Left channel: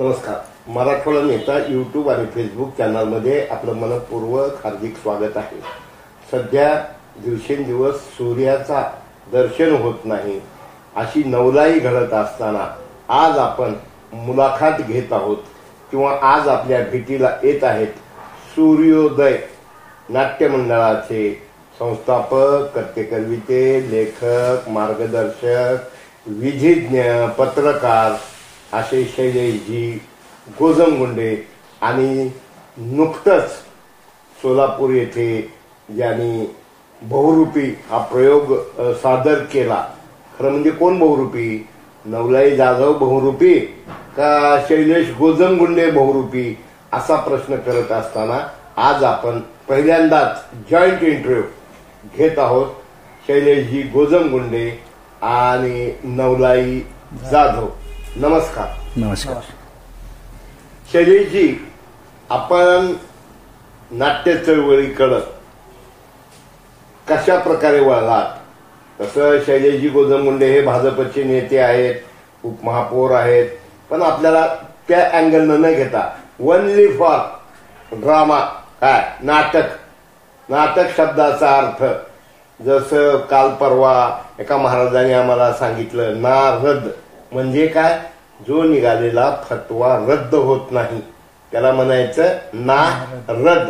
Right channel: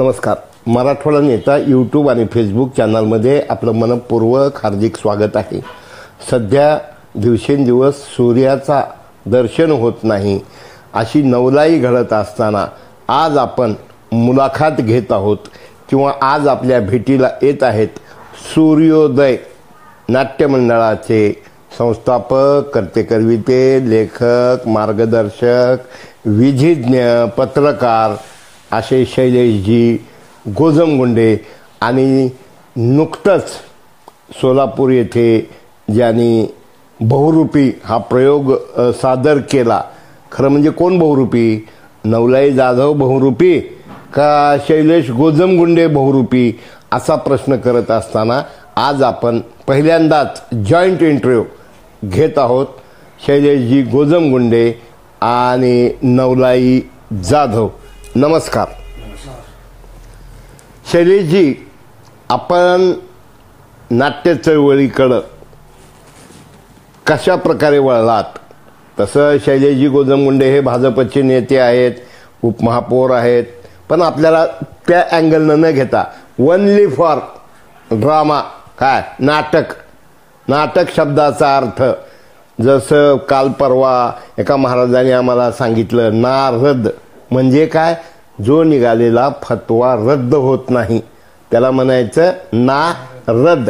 नमस्कार. मराठवाडा नेता यूट्यूब आणि फेसबुक चॅनलमध्ये आपलं मनपूर्वक हार्दिक स्वागत आहे. सध्या दिवसेंदिवस सूर्याचा दर्शन होत नाही अशी नवलाई घडत असताना आज आपण मुलाखत घेत आहोत किंवा आज आपल्या भेटीला येत आहेत सूर्योदय नाट्य मंडळाचे संस्थापक, कर्ते-करविते, लेखक, मार्गदर्शक, विधिज्ञ, पत्रकार असे शैलेशजी गोजमगुंडे आणि नुकतंच सोलापूर येथे ज्यांनी बहुरूपी हा प्रयोग सादर केला. खरं म्हणजे कोण बहुरूपी? नवलाई जाधव बहुरूपी का शैलेश गोजमगुंडे बहुरूपी असा प्रश्न करत असताना आज आपण पहिल्यांदाच जॉईंट इंटरव्ह्यू घेत आहोत. शैलेशजी गोजमगुंडे आणि नवलाई जाधव. नमस्कार. नमस्कार. शैलेशजी, आपण नाट्य चळवळीकडं कशा प्रकारे वळलात? तसं शैलेशजी गोजमगुंडे हे भाजपचे नेते आहेत, उपमहापौर आहेत, पण आपल्याला त्या अँगलनं न घेता ओनली फॉर ड्रामा, काय नाटक, नाटक शब्दाचा अर्थ जसं काल परवा एका महाराजांनी आम्हाला सांगितलं, नारद म्हणजे काय? जो निघालेला फतवा रद्द होत नाही त्याला म्हणायचं नारद.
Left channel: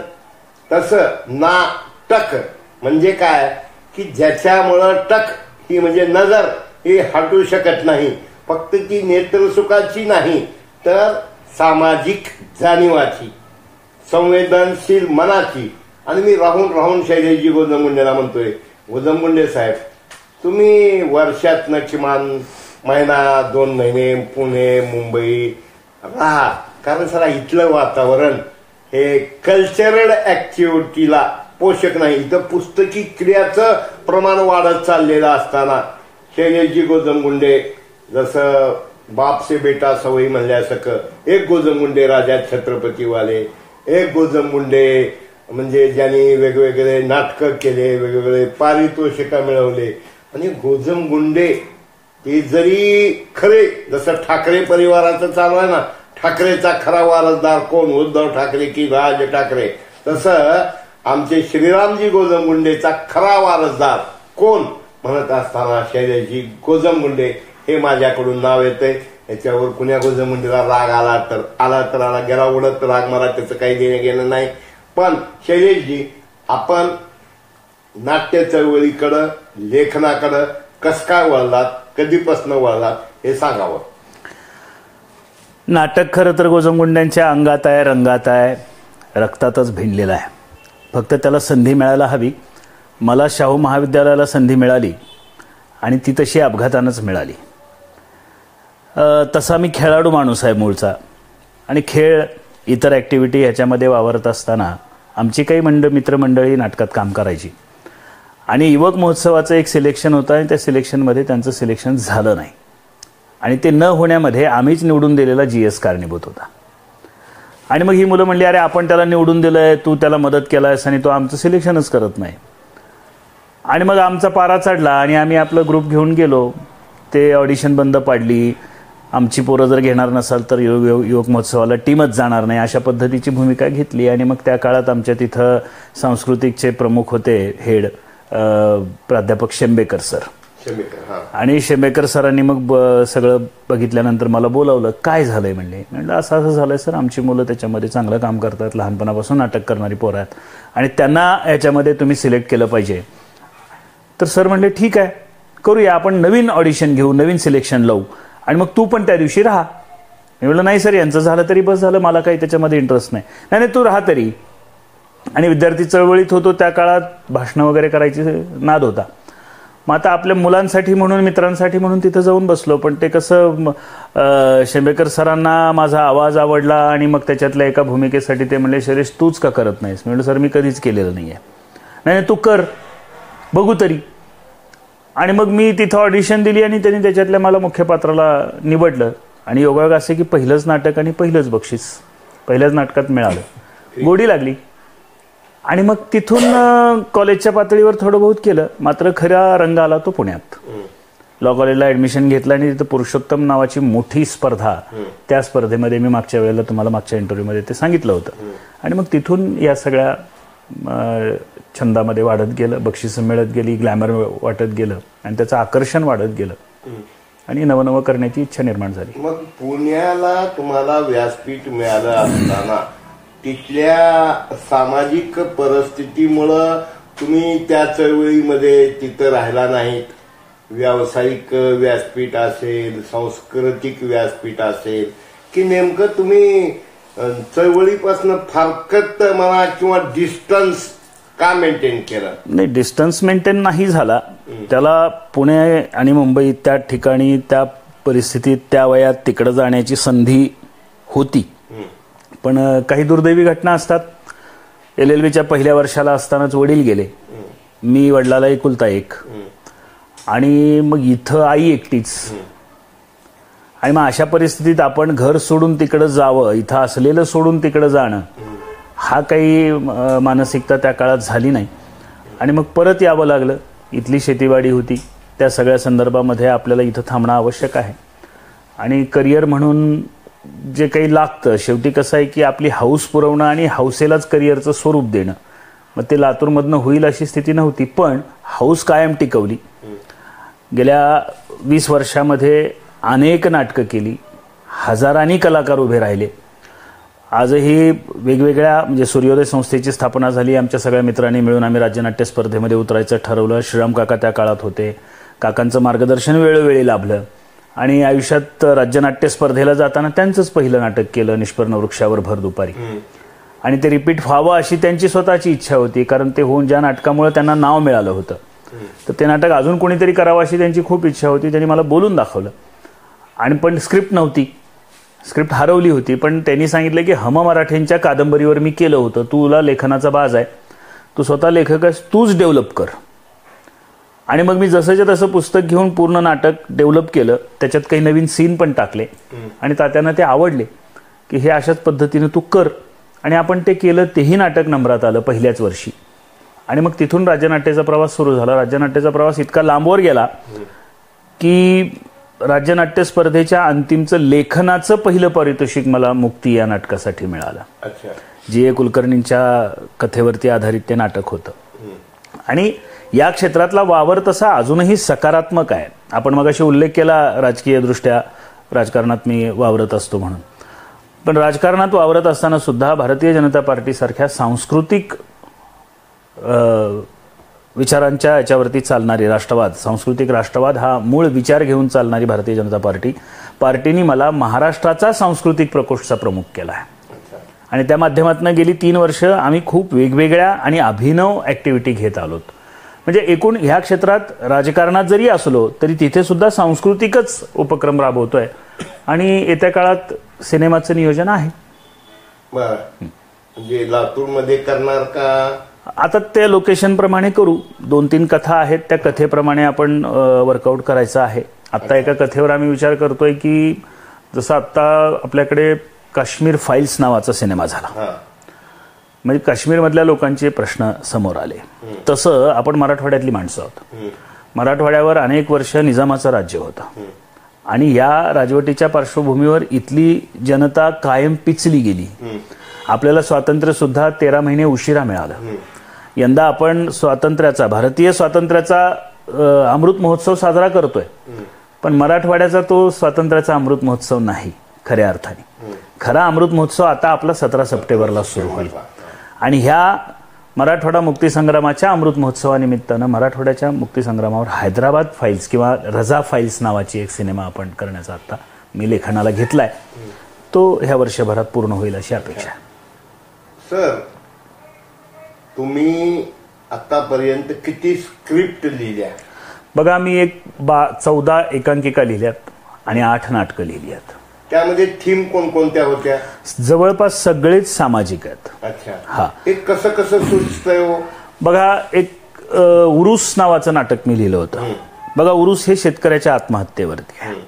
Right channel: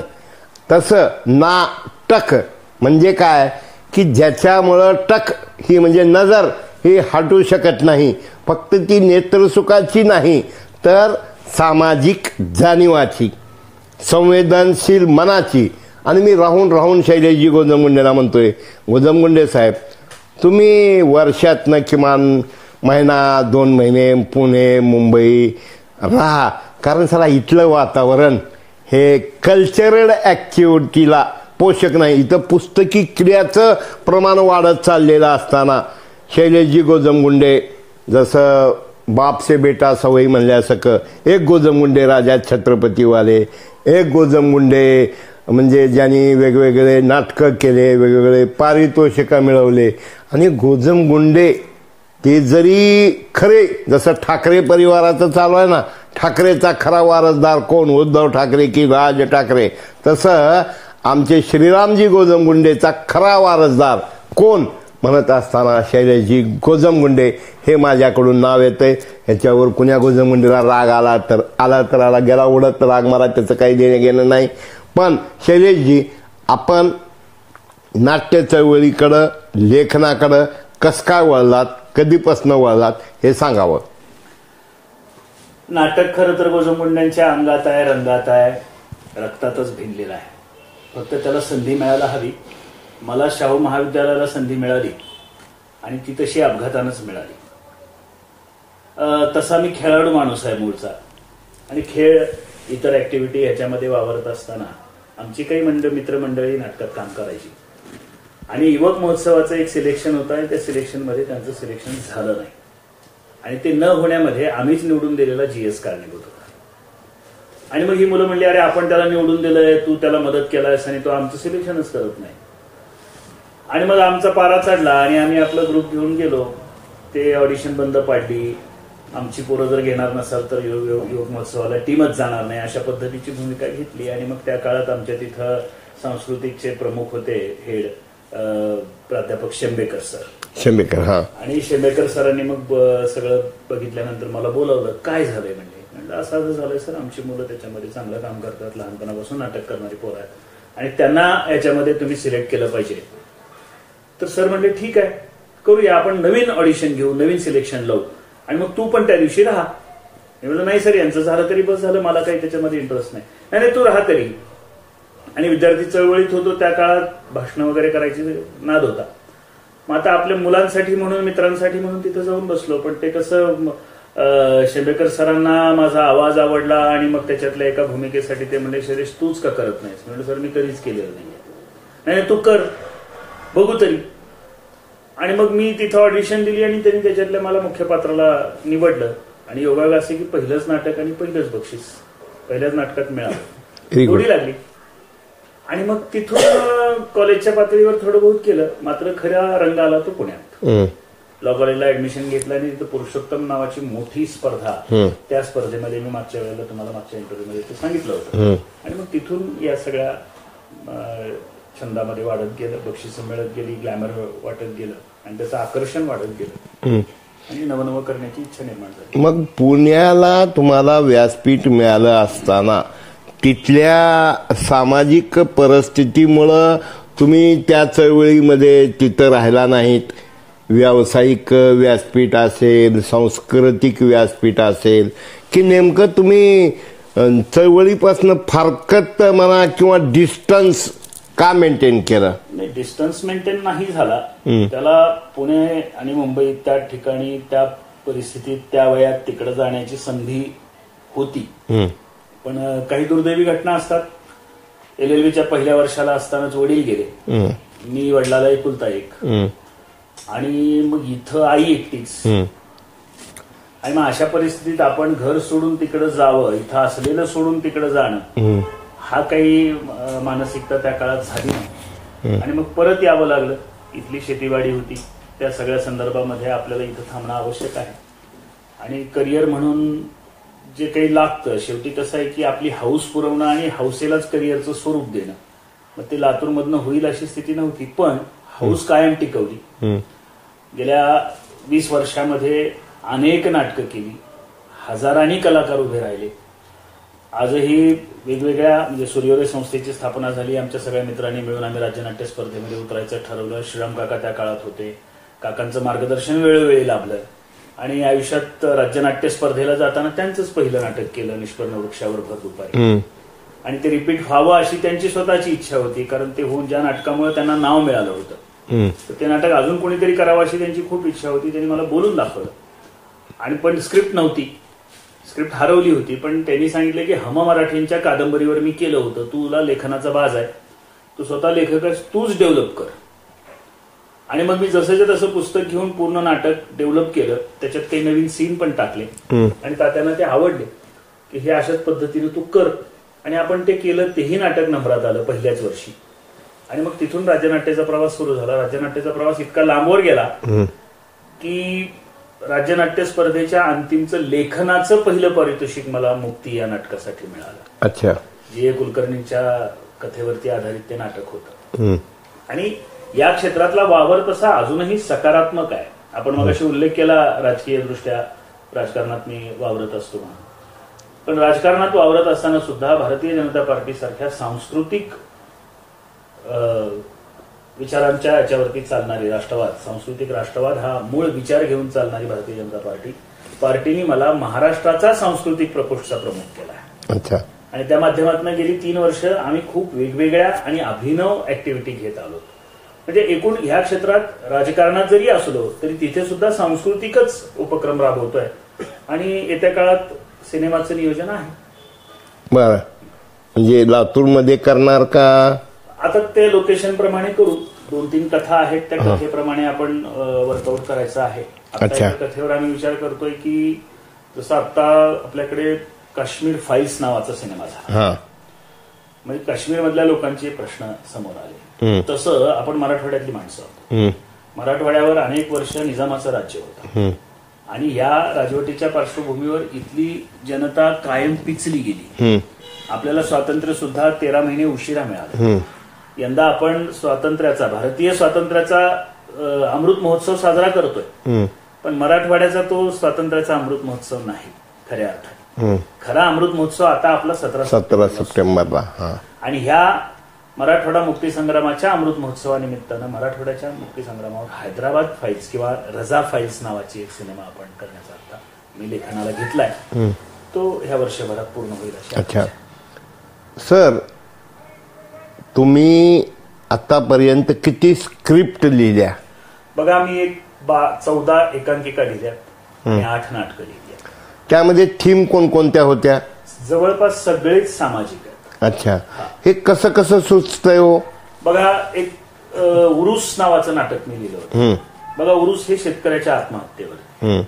तसं नाटक म्हणजे काय की ज्याच्यामुळं टक ही म्हणजे नजर ही हटू शकत नाही. फक्त ती नेत्रसुखाची नाही तर सामाजिक जाणीवाची, संवेदनशील मनाची. आणि मी राहून राहून शैलेशजी गोजमगुंडेला म्हणतोय, गोजमगुंडे साहेब, तुम्ही वर्षातनं किमान महिना 2 महिने पुणे मुंबई राहा, कारण साला इथलं वातावरण हे कल्चरल ऍक्टिव्हिटीला पोषक नाही. इथं पुस्तकी क्रियाचं प्रमाण वाढत चाललेलं असताना शैलेशजी गोजमगुंडे जसं बाप से बेटा सवयी म्हणल्यासारखं, एक गोजमगुंडे राजा छत्रपतीवाले, एक गोजमगुंडे म्हणजे ज्यांनी वेगवेगळे नाटकं केले, वेगवेगळे पारितोषिकं मिळवले. आणि गोजमगुंडे ते जरी खरे जसं ठाकरे परिवाराचं चालू आहे ना, ठाकरेचा खरा वारसदार कोण? उद्धव ठाकरे की राज ठाकरे? तसं आमचे श्रीरामजी गोजमगुंडेचा खरा वारसदार कोण म्हणत असताना शैलेशजी गोजमगुंडे हे माझ्याकडून नाव येतंय. ह्याच्यावर कुण्या गोजमगुंडेला राग आला तर आला, गेला उडत राग मारा, त्याचं काही देणं घेणं नाही. पण शैलेशजी, आपण नाट्य चळवळीकडं, लेखनाकडं कस काय वळलात, कधीपासून वळलात हे सांगावं. नाटक खरं तर गोजमगुंड्यांच्या अंगात आहे, रंगात आहे, रक्तातच भिनलेलं आहे. फक्त त्याला संधी मिळायला हवी. मला शाहू महाविद्यालयाला संधी मिळाली आणि ती तशी अपघातानंच मिळाली. तसा मी खेळाडू माणूस आहे मूळचा, आणि खेळ, इतर ॲक्टिव्हिटी ह्याच्यामध्ये वावरत असताना आमची काही मित्रमंडळी नाटकात काम करायची. आणि युवक महोत्सवाचं एक सिलेक्शन होतं आणि त्या सिलेक्शनमध्ये त्यांचं सिलेक्शन झालं नाही. आणि ते न होण्यामध्ये आम्हीच निवडून दिलेला GS कारणीभूत होता. आणि मग ही मुलं म्हणली, अरे आपण त्याला निवडून दिलंय, तू त्याला मदत केलायस आणि तो आमचं सिलेक्शनच करत नाही. आणि मग आमचा पारा चढला आणि आम्ही आपला ग्रुप घेऊन गेलो. ते ऑडिशन बंद पाडली. आमची पोरं जर घेणार नसाल तर युवक महोत्सवाला टीमच जाणार नाही, अशा पद्धतीची भूमिका घेतली. आणि मग त्या काळात आमच्या तिथं सांस्कृतिकचे प्रमुख होते, हेड प्राध्यापक शेंबेकर सर. आणि शेंबेकर सरांनी मग सगळं बघितल्यानंतर मला बोलावलं. काय झालंय म्हणले. म्हणलं असं असं झालंय सर, आमची मुलं त्याच्यामध्ये चांगलं काम करतात, लहानपणापासून नाटक करणारी पोरं आहेत आणि त्यांना याच्यामध्ये तुम्ही सिलेक्ट केलं पाहिजे. तर सर म्हणले ठीक आहे, करूया, आपण नवीन ऑडिशन घेऊ, नवीन सिलेक्शन लावू आणि मग तू पण त्या दिवशी राहा. मी म्हणलं नाही सर, यांचं झालं तरी बस झालं, मला काही त्याच्यामध्ये इंटरेस्ट नाही. नाही तू राहा तरी. आणि विद्यार्थी चळवळीत होतो त्या काळात, भाषणं वगैरे करायची नाद होता. मग आता आपल्या मुलांसाठी म्हणून, मित्रांसाठी म्हणून तिथं जाऊन बसलो. पण ते कसं, शेंबेकर सरांना माझा आवाज आवडला आणि मग त्याच्यातल्या एका भूमिकेसाठी ते म्हणले, शैलेश तूच का करत नाहीस? मी म्हणलं सर, मी कधीच केलेलं नाहीये. नाही तू कर, बघू तरी. आणि मग मी तिथं ऑडिशन दिली आणि त्यांनी त्याच्यातल्या मला मुख्य पात्राला निवडलं. आणि योगायोग असे की पहिलंच नाटक आणि पहिलंच बक्षीस पहिल्याच नाटकात मिळालं. गोडी लागली. आणि मग तिथून कॉलेजच्या पातळीवर थोडं बहुत केलं. मात्र खरा रंग आला तो पुण्यात. लॉ कॉलेजला ऍडमिशन घेतलं आणि तिथं पुरुषोत्तम नावाची मोठी स्पर्धा, त्या स्पर्धेमध्ये मी मागच्या वेळेला तुम्हाला मागच्या इंटरव्ह्यूमध्ये ते सांगितलं होतं. आणि मग तिथून या सगळ्या छंदामध्ये वाढत गेलं, बक्षिसं मिळत गेली, ग्लॅमर वाटत गेलं आणि त्याचं आकर्षण वाढत गेलं आणि नवनवं करण्याची इच्छा निर्माण झाली. मग पुण्याला तुम्हाला व्यासपीठ मिळालं असताना तिथल्या सामाजिक परिस्थितीमुळं तुम्ही त्या चळवळीमध्ये तिथं राहिला नाहीत. व्यावसायिक व्यासपीठ असेल, सांस्कृतिक व्यासपीठ असेल, की नेमकं तुम्ही चळवळीपासून फारकत म्हणा किंवा डिस्टन्स का मेंटेन केलं? नाही, डिस्टन्स मेंटेन नाही झाला. त्याला पुणे आणि मुंबई त्या ठिकाणी त्या परिस्थितीत त्या वयात तिकडे जाण्याची संधी होती. पण काही दुर्दैवी घटना असतात. LLBच्या पहिल्या वर्षाला असतानाच वडील गेले, मी वडिलाला एकुलता एक, आणि मग इथं आई एकटीच. आणि मग अशा परिस्थितीत आपण घर सोडून तिकडे जावं, इथं असलेलं सोडून तिकडे जाणं, हा काही मानसिकता त्या काळात झाली नाही. आणि मग परत यावं लागलं. इथली शेतीवाडी होती, त्या सगळ्या संदर्भामध्ये आपल्याला इथं थांबणं आवश्यक आहे. आणि करिअर म्हणून जे काही लागतं, शेवटी कसं आहे की आपली हौस पुरवणं आणि हौसेलाच करिअरचं स्वरूप देणं, मग ते लातूरमधनं होईल अशी स्थिती नव्हती. पण हौस कायम टिकवली. गेल्या 20 वर्षामध्ये अनेक नाटकं केली, हजारांनी कलाकार उभे राहिले. आजही वेगवेगळ्या, म्हणजे सूर्योदय संस्थेची स्थापना झाली, आमच्या सगळ्या मित्रांनी मिळून आम्ही राज्यनाट्य स्पर्धेमध्ये उतरायचं ठरवलं. श्रीराम काका त्या काळात होते, काकांचं मार्गदर्शन वेळोवेळी लाभलं. आणि आयुष्यात राज्यनाट्य स्पर्धेला जाताना त्यांचंच पहिलं नाटक केलं, निष्पर्ण वृक्षावर भर दुपारी. आणि ते रिपीट व्हावं अशी त्यांची स्वतःची इच्छा होती, कारण ते होऊन ज्या नाटकामुळे त्यांना नाव मिळालं होतं, तर ते नाटक अजून कोणीतरी करावं अशी त्यांची खूप इच्छा होती. त्यांनी मला बोलून दाखवलं. आणि पण स्क्रिप्ट नव्हती, स्क्रिप्ट हरवली होती. पण त्यांनी सांगितलं की हम मराठेंच्या कादंबरीवर मी केलं होतं, तुला लेखनाचा बाज आहे, तू स्वतः लेखक आहेस, तूच डेव्हलप कर. आणि मग मी जसंच्या तसं पुस्तक घेऊन पूर्ण नाटक डेव्हलप केलं. त्याच्यात काही नवीन सीन पण टाकले आणि तात्यांना ते आवडले की हे अशाच पद्धतीने तू कर. आणि आपण ते केलं. तेही नाटक नंबरात आलं पहिल्याच वर्षी. आणि मग तिथून राज्यनाट्याचा प्रवास सुरू झाला. राज्यनाट्याचा प्रवास इतका लांबवर गेला की राज्यनाट्य स्पर्धेच्या अंतिमचं लेखनाचं पहिलं पारितोषिक मला मुक्ती या नाटकासाठी मिळालं. अच्छा. G.A. कुलकर्णींच्या कथेवरती आधारित ते नाटक होतं. आणि या क्षेत्रातला वावर तसा अजूनही सकारात्मक आहे. आपण मगाशी उल्लेख केला राजकीय दृष्ट्या राजकारणात मी वावरत असतो म्हणून. पण राजकारणात वावरत असताना सुद्धा भारतीय जनता पार्टी सारख्या सांस्कृतिक विचारांच्या याच्यावरती चालणारी राष्ट्रवाद, सांस्कृतिक राष्ट्रवाद हा मूळ विचार घेऊन चालणारी भारतीय जनता पार्टीने मला महाराष्ट्राचा सांस्कृतिक प्रकोष्ठचा प्रमुख केला आहे. अच्छा. आणि त्या माध्यमातून गेली 3 वर्ष आम्ही खूप वेगवेगळ्या आणि अभिनव ऍक्टिव्हिटी घेत आलोत. म्हणजे एकूण ह्या क्षेत्रात राजकारणात जरी असलो तरी तिथे सुद्धा सांस्कृतिकच उपक्रम राबवतोय. आणि येत्या काळात सिनेमाचं नियोजन आहे. बरं, म्हणजे लातूरमध्ये करणार का? आता त्या लोकेशन प्रमाणे करू. 2-3 कथा आहेत, त्या कथेप्रमाणे आपण वर्कआउट करायचं आहे. आता एका कथेवर आम्ही विचार करतोय की जसं आता आपल्याकडे काश्मीर फाईल्स नावाचा सिनेमा झाला, म्हणजे काश्मीरमधल्या लोकांचे प्रश्न समोर आले, तसं आपण मराठवाड्यातली माणसं आहोत. मराठवाड्यावर अनेक वर्ष निजामाचं राज्य होतं आणि या राजवटीच्या पार्श्वभूमीवर इथली जनता कायम पिचली गेली. आपल्याला स्वातंत्र्य सुद्धा 13 महिने उशिरा मिळालं. यंदा आपण स्वातंत्र्याचा, भारतीय स्वातंत्र्याचा अमृत महोत्सव साजरा करतोय, पण मराठवाड्याचा तो स्वातंत्र्याचा अमृत महोत्सव नाही खऱ्या अर्थाने. खरा अमृत महोत्सव आता आपला 17 सप्टेंबरला. आणि ह्या मराठवाडा मुक्तीसंग्रामाच्या अमृत महोत्सवानिमित्तानं मराठवाड्याच्या मुक्तीसंग्रामावर हैदराबाद फाईल्स किंवा रजा फाईल्स नावाची एक सिनेमा आपण करण्याचा आता मी लेखनाला घेतलाय. तो ह्या वर्षभरात पूर्ण होईल अशी अपेक्षा आहे. सर, तुम्ही आतापर्यंत किती स्क्रिप्ट लिहिल्या? बघा, मी 14 एकांकिका लिहिल्यात आणि 8 नाटकं लिहिली आहेत. त्यामध्ये थीम कोणकोणत्या होत्या? जवळपास सगळेच सामाजिक आहेत. अच्छा. हा. हे कसं कसं सुचतंय हो? बघा, एक उरूस नावाचं नाटक मी लिहिलं होतं. बघा, उरूस हे शेतकऱ्याच्या आत्महत्येवरती आहे.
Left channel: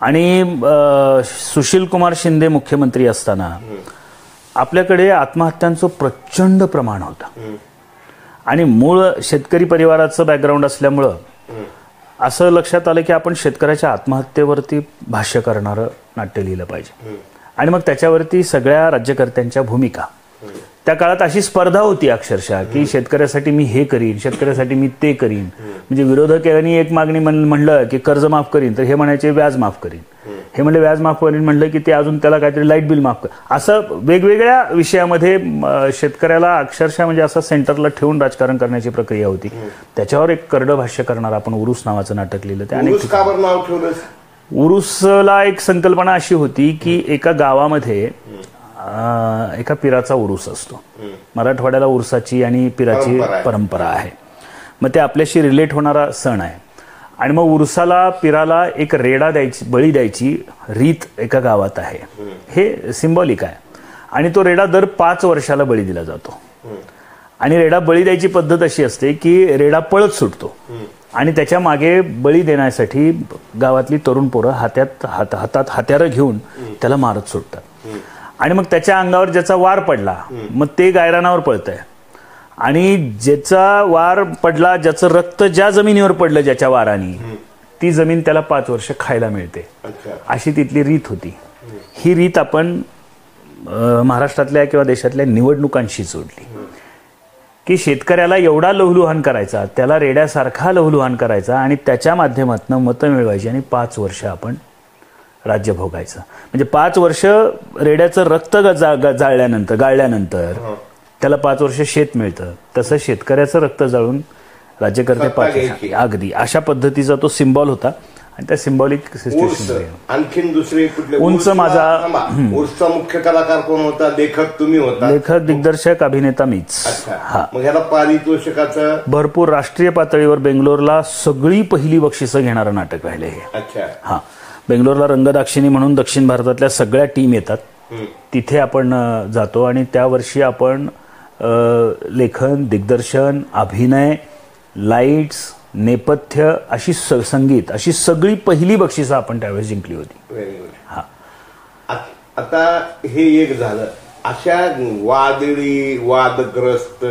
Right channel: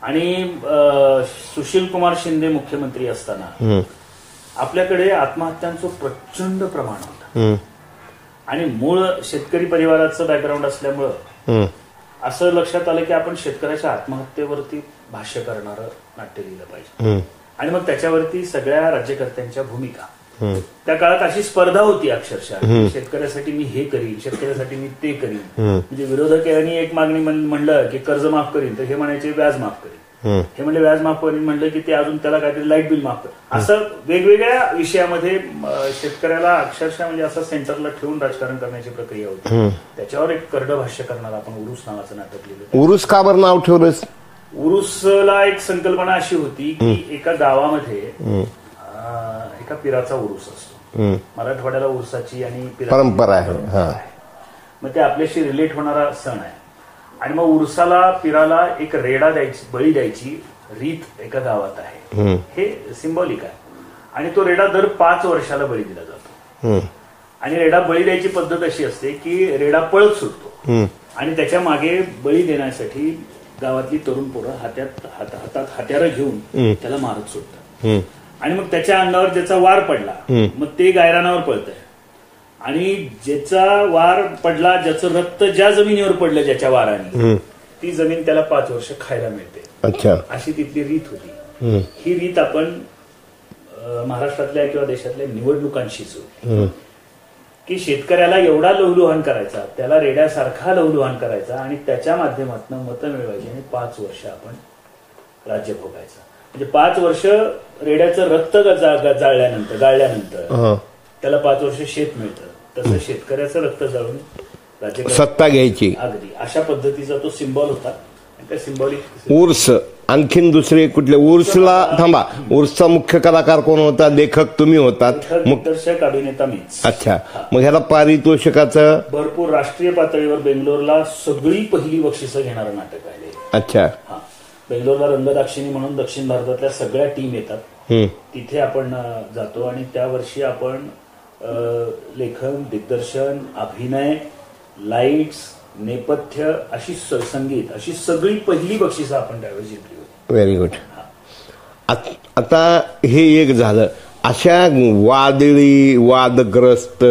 आणि सुशील कुमार शिंदे मुख्यमंत्री असताना आपल्याकडे आत्महत्यांचं प्रचंड प्रमाण होतं. आणि मूळ शेतकरी परिवाराचं बॅकग्राऊंड असल्यामुळं असं लक्षात आलं की आपण शेतकऱ्याच्या आत्महत्येवरती भाष्य करणारं नाट्य लिहिलं पाहिजे. आणि मग त्याच्यावरती सगळ्या राज्यकर्त्यांच्या भूमिका. त्या काळात अशी स्पर्धा होती अक्षरशः की शेतकऱ्यासाठी मी हे करीन, शेतकऱ्यासाठी मी ते करीन. म्हणजे विरोधकांनी एक मागणी म्हणलं की कर्ज माफ करीन, तर हे म्हणायचे व्याज माफ करीन. हे म्हणले व्याज माफ करीन, म्हणलं की ते अजून त्याला काहीतरी लाईट बिल माफ कर. असं वेगवेगळ्या विषयामध्ये शेतकऱ्याला अक्षरशः म्हणजे असं सेंटरला ठेवून राजकारण करण्याची प्रक्रिया होती. त्याच्यावर एक करडं भाष्य करणार आपण उरुस नावाचं नाटक लिहिलं. उरुस का बरं नाव ठेवलंस? उरुसला एक संकल्पना अशी होती की एका गावामध्ये एका पिराचा उरुस असतो. मराठवाड्याला उरुसाची आणि पिराची परंपरा आहे. मग ते आपल्याशी रिलेट होणारा सण आहे. आणि मग उरुसाला पिराला एक रेडा द्यायची, बळी द्यायची रीत एका गावात आहे. हे सिंबॉलिक आहे. आणि तो रेडा दर 5 वर्षाला बळी दिला जातो. आणि रेडा बळी द्यायची पद्धत अशी असते की रेडा पळत सुटतो आणि त्याच्या मागे बळी देण्यासाठी गावातली तरुण पोरं हातात हत्यारं घेऊन त्याला मारत सुटतात. आणि मग त्याच्या अंगावर ज्याचा वार पडला मग ते गायरानावर पळतंय. आणि ज्याचा वार पडला, ज्याचं रक्त ज्या जमिनीवर पडलं ज्याच्या वाराने, ती जमीन त्याला 5 वर्ष खायला मिळते. अशी तिथली रीत होती. ही रीत आपण महाराष्ट्रातल्या किंवा देशातल्या निवडणुकांशी जोडली की शेतकऱ्याला एवढा लहूलुहान करायचा, त्याला रेड्यासारखा लहूलुहान करायचा आणि त्याच्या माध्यमातून मतं मिळवायची आणि 5 वर्ष आपण राज्य भोगायचं. म्हणजे 5 वर्ष रेड्याचं रक्त गाळल्यानंतर त्याला 5 वर्ष शेत मिळतं. तसं शेतकऱ्याचं रक्त जाळून राज्यकर्ता घ्यायची. अगदी अशा पद्धतीचा तो सिम्बॉल होता. आणि त्या सिम्बॉलिक उर्स. आणखीन दुसरे कुठले? उर्सला थांबा, उर्सचा मुख्य कलाकार कोण होता? लेखक तुम्ही होता? लेखक, दिग्दर्शक, अभिनेता मीच. अच्छा. मग ह्याला पारितोषिकाचं भरपूर राष्ट्रीय पातळीवर बेंगलोरला सगळी पहिली बक्षिसं घेणारं नाटक राहिले हे. अच्छा. हा, बेंगलोरला रंगदाक्षिणी म्हणून दक्षिण भारतातल्या सगळ्या टीम येतात. तिथे आपण जातो आणि त्या वर्षी आपण लेखन, दिग्दर्शन, अभिनय, लाईट्स, नेपथ्य, अशी संगीत, अशी सगळी पहिली बक्षिसं आपण त्यावेळेस जिंकली होती. Very good. आता हे एक झालं. अशा वादग्रस्त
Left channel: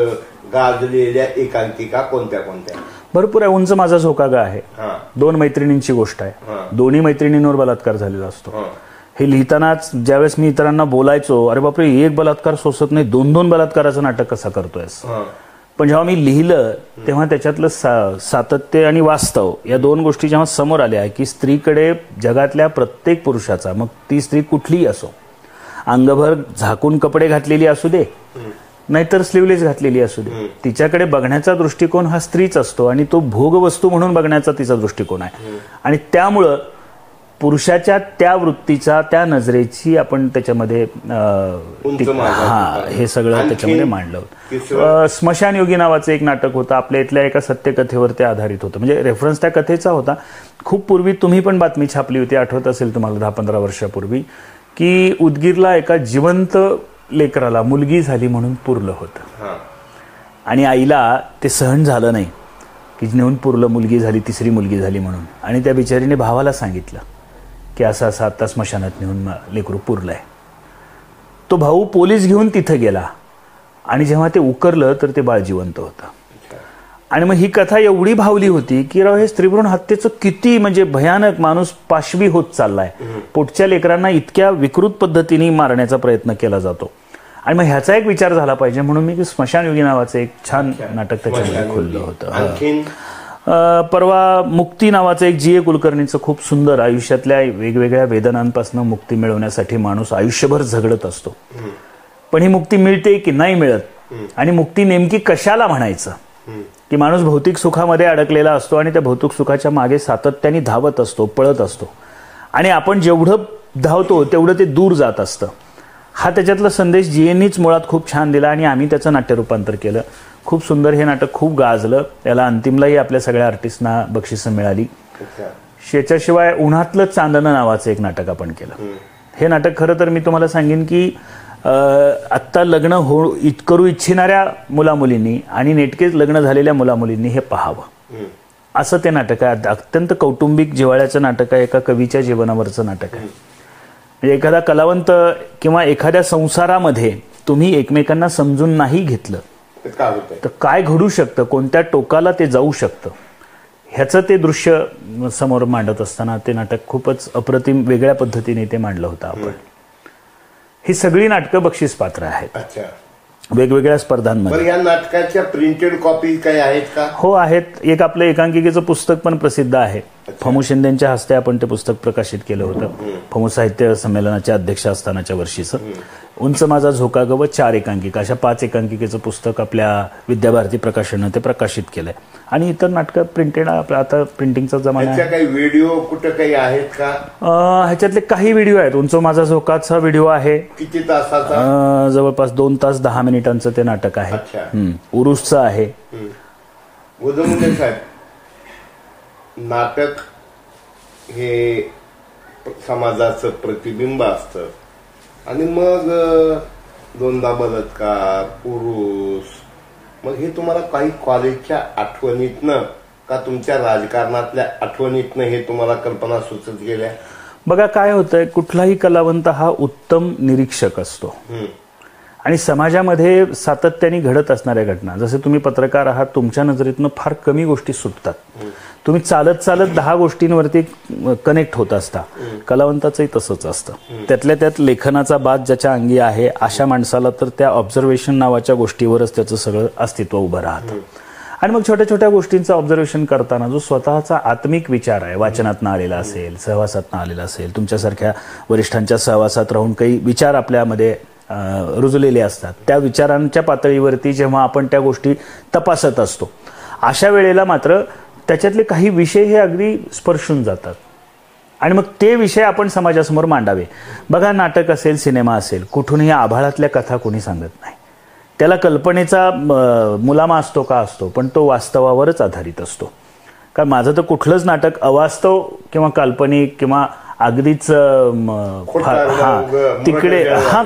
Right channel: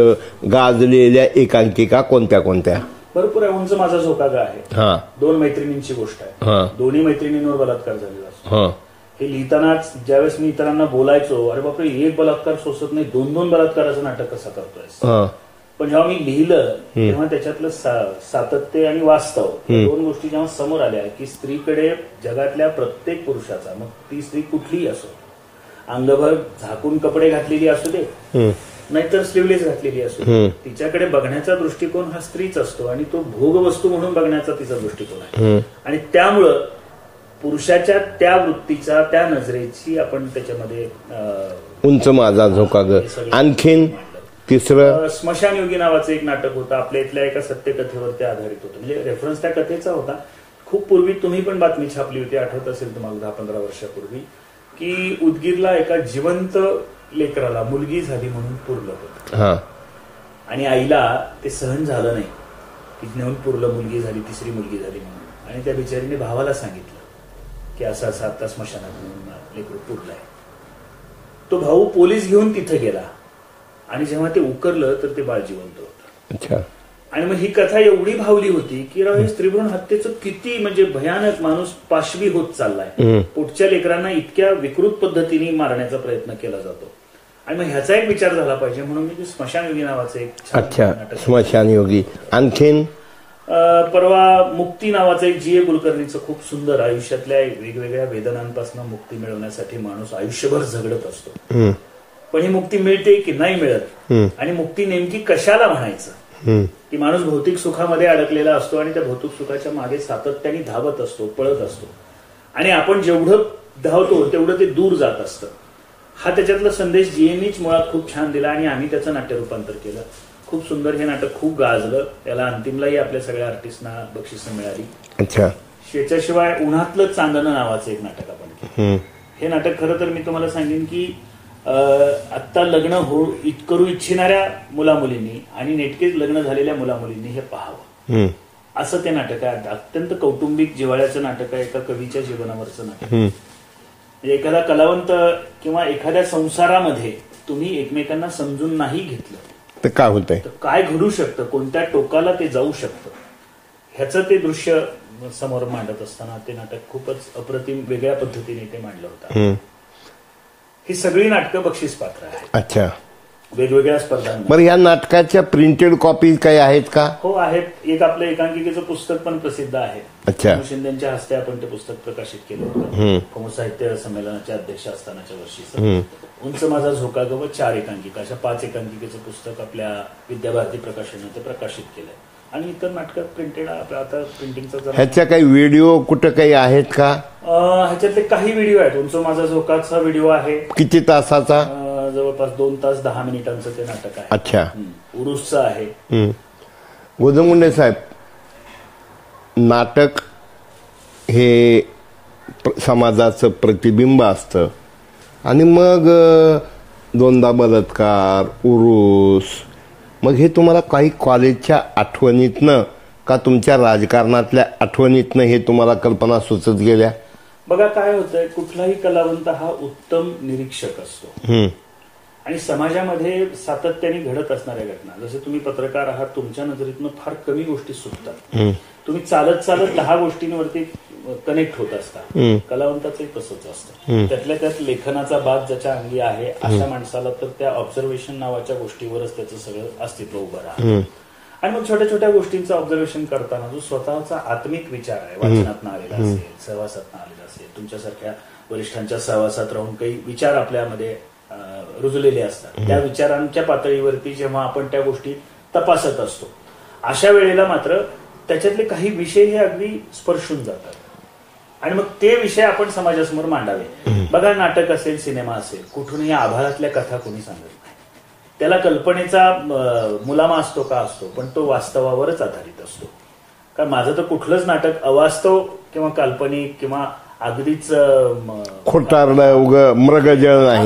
गाजलेल्या एकांकिका कोणत्या कोणत्या? भरपूर आहे. उंच माझा झोकागा आहे. 2 मैत्रिणींची गोष्ट आहे. दोन्ही मैत्रिणींवर बलात्कार झालेला असतो. हे लिहितानाच ज्यावेळेस मी इतरांना बोलायचो, अरे बापरे, एक बलात्कार सोसत नाही, 2 बलात्काराचं नाटक कसा करतोयस. पण जेव्हा मी लिहिलं तेव्हा त्याच्यातलं सातत्य आणि वास्तव या 2 गोष्टी जेव्हा समोर आल्या की स्त्रीकडे जगातल्या प्रत्येक पुरुषाचा, मग ती स्त्री कुठलीही असो, अंगभर झाकून कपडे घातलेली असू दे नाहीतर स्लीवलेस घातलेली असू दे, तिच्याकडे बघण्याचा दृष्टिकोन हा स्त्रीच असतो आणि तो भोगवस्तू म्हणून बघण्याचा तिचा दृष्टिकोन आहे. आणि त्यामुळं पुरुषाच्या त्या वृत्तीचा, त्या नजरेची आपण त्याच्यामध्ये उंच माझा झोकागा हे सगळं त्याच्यामध्ये मांडलं. स्मशानयोगी नावाचं एक नाटक होतं. आपल्या इथल्या एका सत्यकथेवर ते आधारित होतं. म्हणजे रेफरन्स त्या कथेचा होता. खूप पूर्वी तुम्ही पण बातमी छापली होती, आठवत असेल तुम्हाला, 10-15 वर्षापूर्वी, की उदगीरला एका जिवंत लेकराला मुलगी झाली म्हणून पुरलं होतं आणि आईला ते सहन झालं नाही की नेऊन पुरलं, मुलगी झाली, 3री मुलगी झाली म्हणून. आणि त्या बिचारीने भावाला सांगितलं की असं असं आता स्मशानात नेऊन लेकरू पुरलंय. तो भाऊ पोलीस घेऊन तिथं गेला आणि जेव्हा ते उकरलं तर ते बाळ जिवंत होतं. आणि मग ही कथा एवढी भावली होती की राव, हे स्त्रीभ्रूण हत्येचं किती म्हणजे भयानक, माणूस पाशवी होत चाललाय. पोटच्या लेकरांना इतक्या विकृत पद्धतीने मारण्याचा प्रयत्न केला जातो. आणि मग ह्याचा एक विचार झाला पाहिजे म्हणून मी स्मशानयोगी नावाचं एक छान नाटक होतं. आणखीन परवा मुक्ती नावाचं एक जी.ए. कुलकर्णीचं खूप सुंदर, आयुष्यातल्या वेगवेगळ्या वेदनांपासून मुक्ती मिळवण्यासाठी माणूस आयुष्यभर झगडत असतो. पण ही मुक्ती मिळते की नाही मिळत, आणि मुक्ती नेमकी कशाला म्हणायचं, की माणूस भौतिक सुखामध्ये अडकलेला असतो आणि त्या भौतिक सुखाच्या मागे सातत्याने धावत असतो, पळत असतो. आणि आपण जेवढं धावतो तेवढं ते दूर जात असतं. हा त्याच्यातला संदेश जीएननीच मुळात खूप छान दिला आणि आम्ही त्याचं नाट्य रूपांतर केलं. खूप सुंदर हे नाटक, खूप गाजलं. याला अंतिमलाही आपल्या सगळ्या आर्टिस्टना बक्षिसं मिळाली. याच्याशिवाय उन्हातलं चांदणं नावाचं एक नाटक आपण केलं. हे नाटक खरं तर मी तुम्हाला सांगेन की आत्ता लग्न करू इच्छिणाऱ्या मुलामुलींनी आणि नेटकेच लग्न झालेल्या मुलामुलींनी हे पाहावं, असं ते नाटक आहे. अत्यंत कौटुंबिक जिव्हाळ्याचं नाटक आहे. एका कवीच्या जीवनावरचं नाटक आहे. म्हणजे एखादा कलावंत किंवा एखाद्या संसारामध्ये तुम्ही एकमेकांना समजून नाही घेतलं तर काय होतंय, तर काय घडू शकतं, कोणत्या टोकाला ते जाऊ शकतं, ह्याचं ते दृश्य समोर मांडत असताना ते नाटक खूपच अप्रतिम वेगळ्या पद्धतीने ते मांडलं होतं आपण. ही सगळी नाटकं बक्षीस पात्र आहेत. अच्छा. वेगवेगळ्या स्पर्धांमध्ये. बरं, या नाटकाच्या प्रिंटेड कॉपी काही आहेत का? हो आहेत. एक आपलं एकांकिकेचं पुस्तक पण प्रसिद्ध आहे. अच्छा. फमू शिंदेच्या हस्ते आपण ते पुस्तक प्रकाशित केलं होतं. फमू साहित्य संमेलनाचे अध्यक्ष असतानाच्या वर्षीचं. उंच माझा झोका ग व 4 एकांकिका अशा 5 एकांकिकेचं पुस्तक आपल्या विद्याभारती प्रकाशनानं ते प्रकाशित केलंय. आणि इतर नाटकं प्रिंटेड आता प्रिंटिंगचा जमाना. ह्याच्या काही व्हिडिओ कुठं काही आहेत का? ह्याच्यातले काही व्हिडिओ आहेत. उंच माझा झोकाचा व्हिडिओ आहे. किती तासाचा? जवळपास 2 तास 10 मिनिटांचं ते नाटक आहे. अच्छा. उरुसचं आहे. गोजमगुंडे साहेब, नाटक हे समाजाचं प्रतिबिंब असतं आणि मग 2दा बलात्कार, उरूस, मग हे तुम्हाला काही कॉलेजच्या आठवणीतनं का तुमच्या राजकारणातल्या आठवणीतनं हे तुम्हाला कल्पना सुचत गेल्या? बघा काय होतंय, कुठलाही कलावंत हा उत्तम निरीक्षक असतो आणि समाजामध्ये सातत्याने घडत असणाऱ्या घटना, जसे तुम्ही पत्रकार आहात, तुमच्या नजरेतनं फार कमी गोष्टी सुटतात. तुम्ही चालत चालत 10 गोष्टींवरती कनेक्ट होत असता. कलावंताचंही तसंच असतं. त्यातल्या त्यात लेखनाचा बाज ज्याच्या अंगी आहे अशा माणसाला तर त्या ऑब्झर्वेशन नावाच्या गोष्टीवरच त्याचं सगळं अस्तित्व उभं राहतं. आणि मग छोट्या छोट्या गोष्टींचं ऑब्झर्वेशन करताना जो स्वतःचा आत्मिक विचार आहे, वाचनातनं आलेला असेल, सहवासातनं आलेला असेल, तुमच्यासारख्या वरिष्ठांच्या सहवासात राहून काही विचार आपल्यामध्ये रुजलेले असतात, त्या विचारांच्या पातळीवरती जेव्हा आपण त्या गोष्टी तपासत असतो, अशा वेळेला मात्र त्याच्यातले काही विषय हे अगदी स्पर्शून जातात आणि मग ते विषय आपण समाजासमोर मांडावे. बघा, नाटक असेल, सिनेमा असेल, कुठूनही आभाळातल्या कथा कोणी सांगत नाही. त्याला कल्पनेचा मुलामा असतो का असतो, पण तो वास्तवावरच आधारित असतो. कारण माझं तर कुठलंच नाटक अवास्तव किंवा काल्पनिक किंवा अगदीच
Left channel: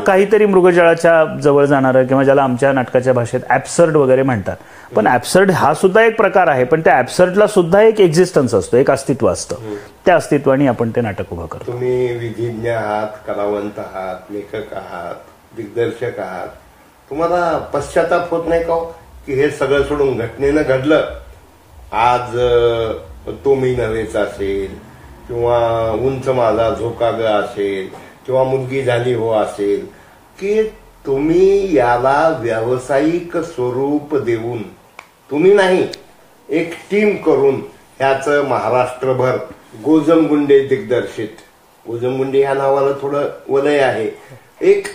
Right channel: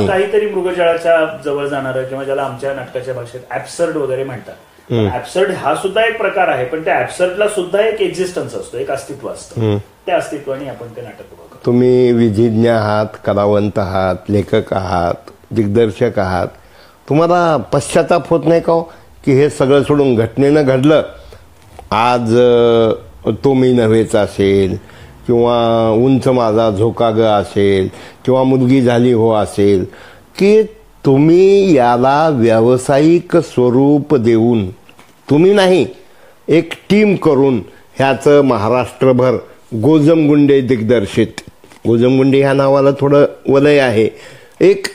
काहीतरी मृगजळाच्या जवळ जाणारं किंवा ज्याला आमच्या नाटकाच्या भाषेत ऍब्सर्ड वगैरे म्हणतात. पण ऍब्सर्ड हा सुद्धा एक प्रकार आहे, पण त्या ऍब्सर्डला सुद्धा एक एक्झिस्टन्स असतो, एक अस्तित्व असतं. त्या अस्तित्वाने आपण ते नाटक उभं करतो. तुम्ही विधिज्ञ आहात, कलावंत आहात, लेखक आहात, दिग्दर्शक आहात. तुम्हाला पश्चाताप होत नाही का की हे सगळं सोडून घटनेनं घडलं, आज तो मी नव्हेचा असेल किंवा उंच माझा झोका ग असेल किंवा मुलगी झाली हो असेल, की तुम्ही याला व्यावसायिक स्वरूप देऊन, तुम्ही नाही एक टीम करून ह्याचं महाराष्ट्रभर गोजमगुंडे दिग्दर्शित, गोजमगुंडे ह्या नावाला थोडं वलय आहे, एक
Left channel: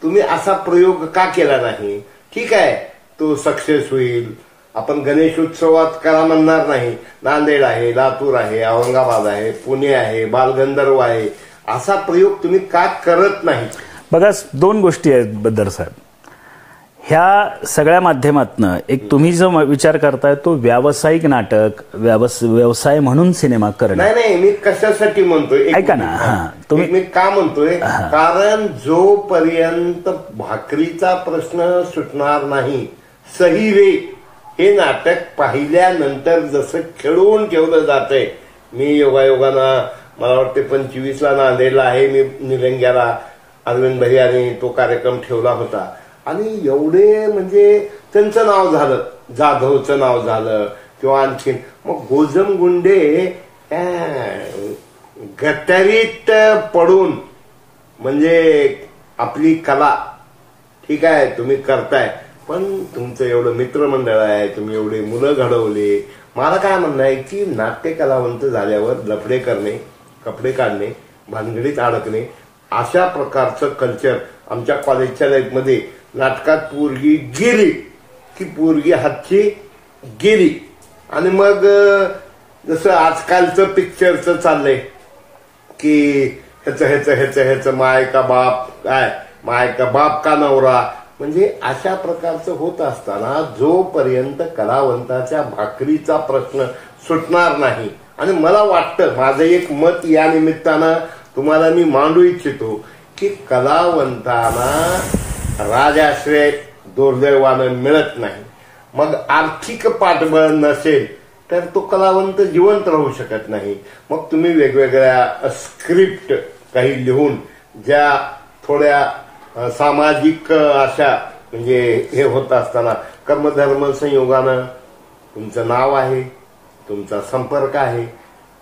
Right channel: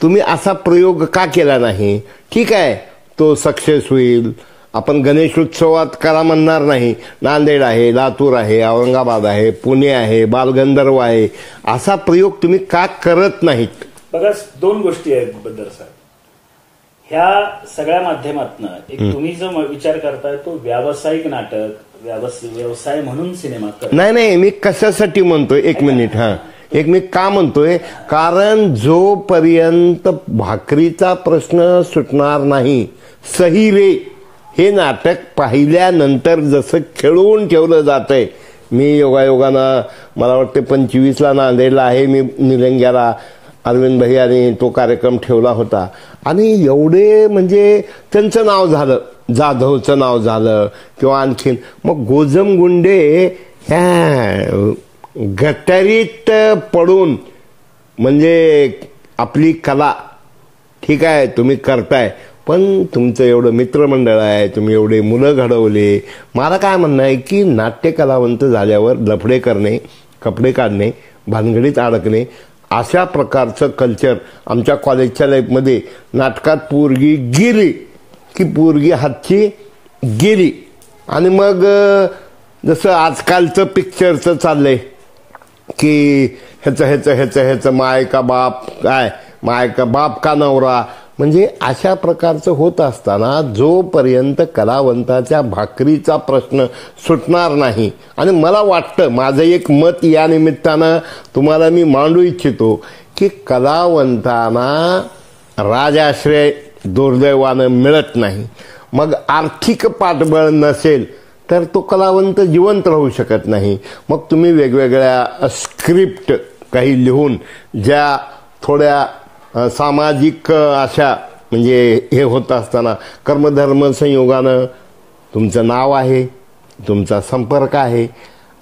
तुम्ही असा प्रयोग का केला नाही? ठीक आहे, तो सक्सेस होईल. आपण गणेश उत्सवात करा म्हणणार नाही. नांदेड आहे, लातूर आहे, औरंगाबाद आहे, पुणे आहे, बालगंधर्व आहे, असा प्रयोग तुम्ही का करत नाही? बघा, 2 गोष्टी आहेत बद्दर साहेब. ह्या सगळ्या माध्यमातनं एक तुम्ही जो विचार करताय तो व्यावसायिक नाटक, व्यवसाय म्हणून सिनेमा करणं. नाही, मी कशासाठी म्हणतोय, एक मिनिट, मी का म्हणतोय, कारण जोपर्यंत भाकरीचा प्रश्न सुटणार नाही, सही रे हे नाटक पाहिल्यानंतर जसं खेळवून ठेवलं जातंय. मी योगायोगानं मला वाटते 25ला नांदेडला आहे, मी निलंग्याला अरविंद भैयाने तो कार्यक्रम ठेवला होता आणि एवढे म्हणजे त्यांचं नाव झालं, जाधवचं नाव झालं किंवा आणखीन. मग गोजमगुंडे ह्या गटारीत पडून म्हणजे आपली कला, ठीक आहे तुम्ही करताय, पण तुमचं एवढं मित्रमंडळ आहे, तुम्ही एवढे मुलं घडवले. मला काय म्हणणं आहे की नाट्य कलावंत झाल्यावर लफडे करणे, कपडे काढणे, भानगडीत अडकणे, अशा प्रकारचं कल्चर आमच्या कॉलेजच्या लाईफमध्ये नाटकात पोरगी गेली की पोरगी हातची गेली. आणि मग जसं आजकालचं पिक्चरचं चाललंय की ह्याचं माय का बाप, काय माय का बाप का नवरा, म्हणजे अशा प्रकारचं होत असताना जोपर्यंत कलावंताच्या भाकरीचा प्रश्न सुटणार नाही, आणि मला वाटतं, माझं एक मत या निमित्तानं तुम्हाला मी मांडू इच्छितो की कलावंतांना राजाश्रय दुर्दैवानं मिळत नाही. मग आर्थिक पाठबळ नसेल तर तो कलावंत जिवंत राहू शकत नाही. मग तुम्ही वेगवेगळ्या स्क्रिप्ट काही लिहून ज्या थोड्या सामाजिक अशा म्हणजे हे होत असताना कर्मधर्म संयोगानं तुमचं नाव आहे, तुमचा संपर्क आहे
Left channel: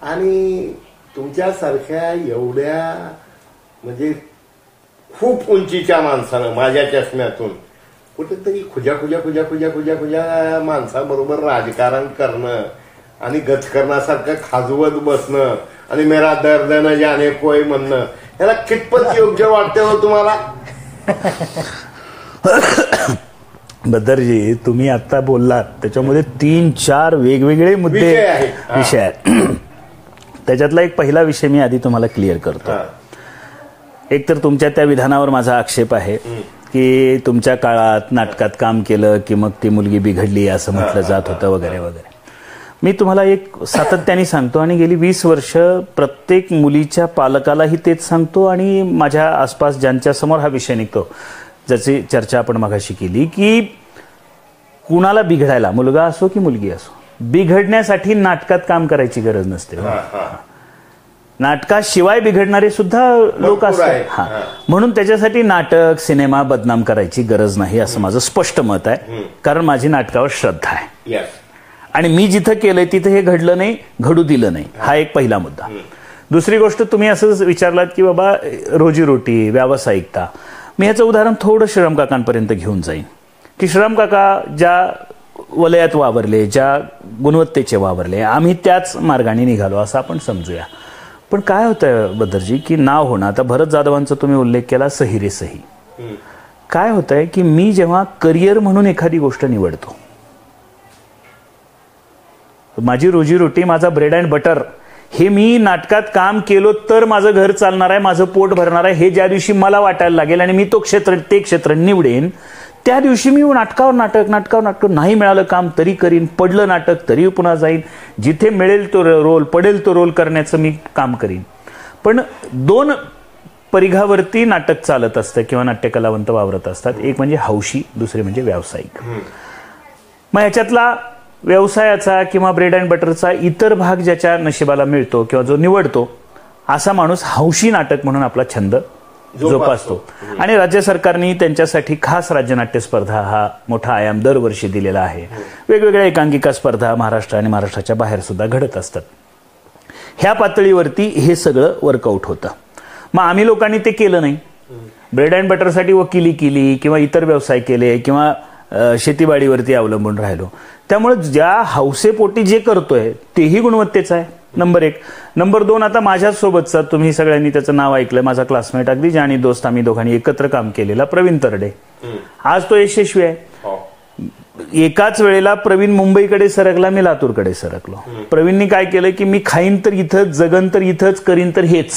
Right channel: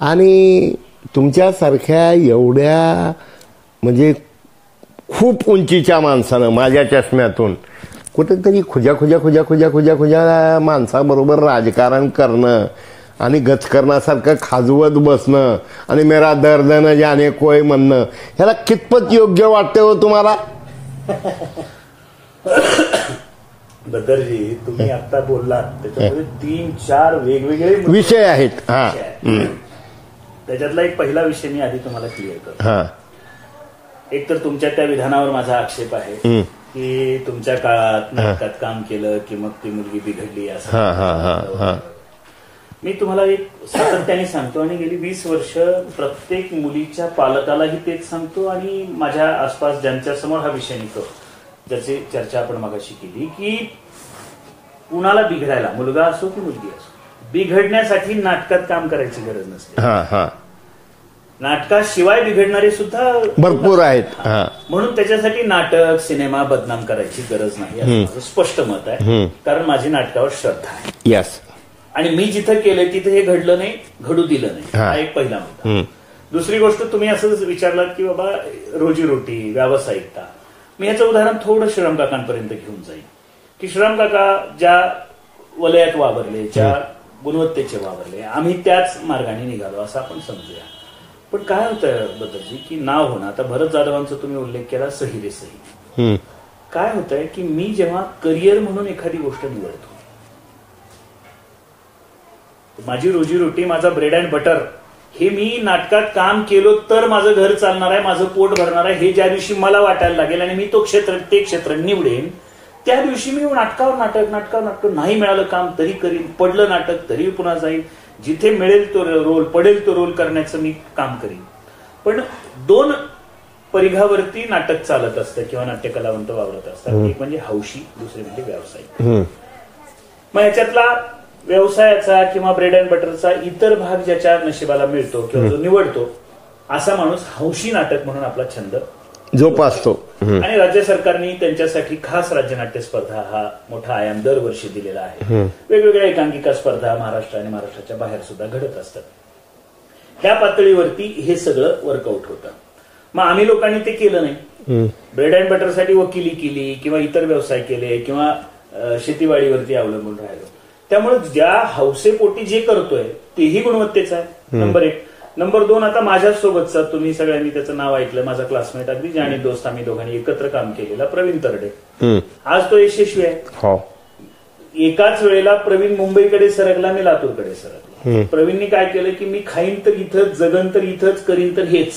आणि तुमच्यासारख्या एवढ्या म्हणजे खूप उंचीच्या माणसानं माझ्या चष्म्यातून कुठेतरी खुजा माणसाबरोबर राजकारण करणं आणि गचकरणासारखं खाजवत बसणं आणि मेरा दर्द न जाने कोय म्हणणं ह्याला कितपत योग्य वाटते हो तुम्हाला? बद्दरजी, तुम्ही आता बोललात त्याच्यामध्ये 3-4 वेगवेगळे विषय आहेत. त्याच्यातला एक पहिला विषय मी आधी तुम्हाला क्लिअर करतो. एक तर तुमच्या त्या विधानावर माझा आक्षेप आहे की तुमच्या काळात नाटकात काम केलं की मग ती मुलगी बिघडली असं म्हटलं जात होतं वगैरे वगैरे. मी तुम्हाला एक सातत्याने सांगतो आणि गेली 20 वर्ष प्रत्येक मुलीच्या पालकालाही तेच सांगतो आणि माझ्या आसपास ज्यांच्या समोर हा विषय निघतो, ज्याची चर्चा आपण मगाशी केली, की कुणाला बिघडायला, मुलगा असो की मुलगी असो, बिघडण्यासाठी नाटकात काम करायची गरज नसते. नाटकाशिवाय बिघडणारे सुद्धा लोक आहेत. म्हणून त्याच्यासाठी नाटक, सिनेमा बदनाम करायची गरज नाही असं माझं स्पष्ट मत आहे. कारण माझी नाटकावर श्रद्धा आहे. यस. आणि मी जिथं केलंय तिथे हे घडलं नाही, घडू दिलं नाही. हा एक पहिला मुद्दा. दुसरी गोष्ट, तुम्ही असंच विचारलात की बाबा रोजीरोटी, व्यावसायिकता. मी याचं उदाहरण थोडं श्रीराम काकांपर्यंत घेऊन जाईन की श्रीराम काका ज्या वलयात वावरले, ज्या गुणवत्तेचे वावरले, आम्ही त्याच मार्गाने निघालो असं आपण समजूया. पण काय होतंय बद्दरजी की नाव होणं, आता भरत जाधवांचा तुम्ही उल्लेख केला, सही रे सही. काय होतंय की मी जेव्हा करिअर म्हणून एखादी गोष्ट निवडतो, माझी रोजीरोटी, माझा ब्रेड अँड बटर, हे मी नाटकात काम केलो तर माझं घर चालणार आहे, माझं पोट भरणार आहे, हे ज्या दिवशी मला वाटायला लागेल आणि मी ते क्षेत्र निवडेन, त्या दिवशी मी नाटकावर नाटक नाही मिळालं काम तरी करीन, पडलं नाटक तरी पुन्हा जाईन, जिथे मिळेल तो रोल, पडेल तो रोल करण्याचं मी काम करीन. पण 2 परिघावरती नाटक चालत असतं किंवा नाट्यकलावंत वावरत असतात. एक म्हणजे हौशी, दुसरे म्हणजे व्यावसायिक. मग याच्यातला व्यवसायाचा किंवा ब्रेड अँड बटरचा इतर भाग ज्याच्या नशिबाला मिळतो किंवा जो निवडतो, असा माणूस हौशी नाटक म्हणून आपला छंद जोपासतो. आणि राज्य सरकारने त्यांच्यासाठी खास राज्यनाट्य स्पर्धा हा मोठा आयाम दरवर्षी दिलेला आहे. वेगवेगळ्या एकांकिका स्पर्धा महाराष्ट्र आणि महाराष्ट्राच्या बाहेर सुद्धा घडत असतात. ह्या पातळीवरती हे सगळं वर्कआउट होतं. मग आम्ही लोकांनी ते केलं नाही. ब्रेड अँड बटरसाठी वकिली केली किंवा इतर व्यवसाय केले किंवा शेतीवाडीवरती अवलंबून राहिलो. त्यामुळे ज्या हौसेपोटी जे करतोय तेही गुणवत्तेचं आहे, नंबर 1. नंबर 2, आता माझ्यासोबतचा, तुम्ही सगळ्यांनी त्याचं नाव ऐकलं, माझा क्लासमेट, अगदी जाणी दोस्त, आम्ही दोघांनी एकत्र काम केलेला प्रवीण तरडे, आज तो यशस्वी आहे. एकाच वेळेला प्रवीण मुंबईकडे सरकला, मी लातूरकडे सरकलो. प्रवीणनी काय केलं की मी खाईन तर इथंच, जगन तर इथंच, करीन तर हेच,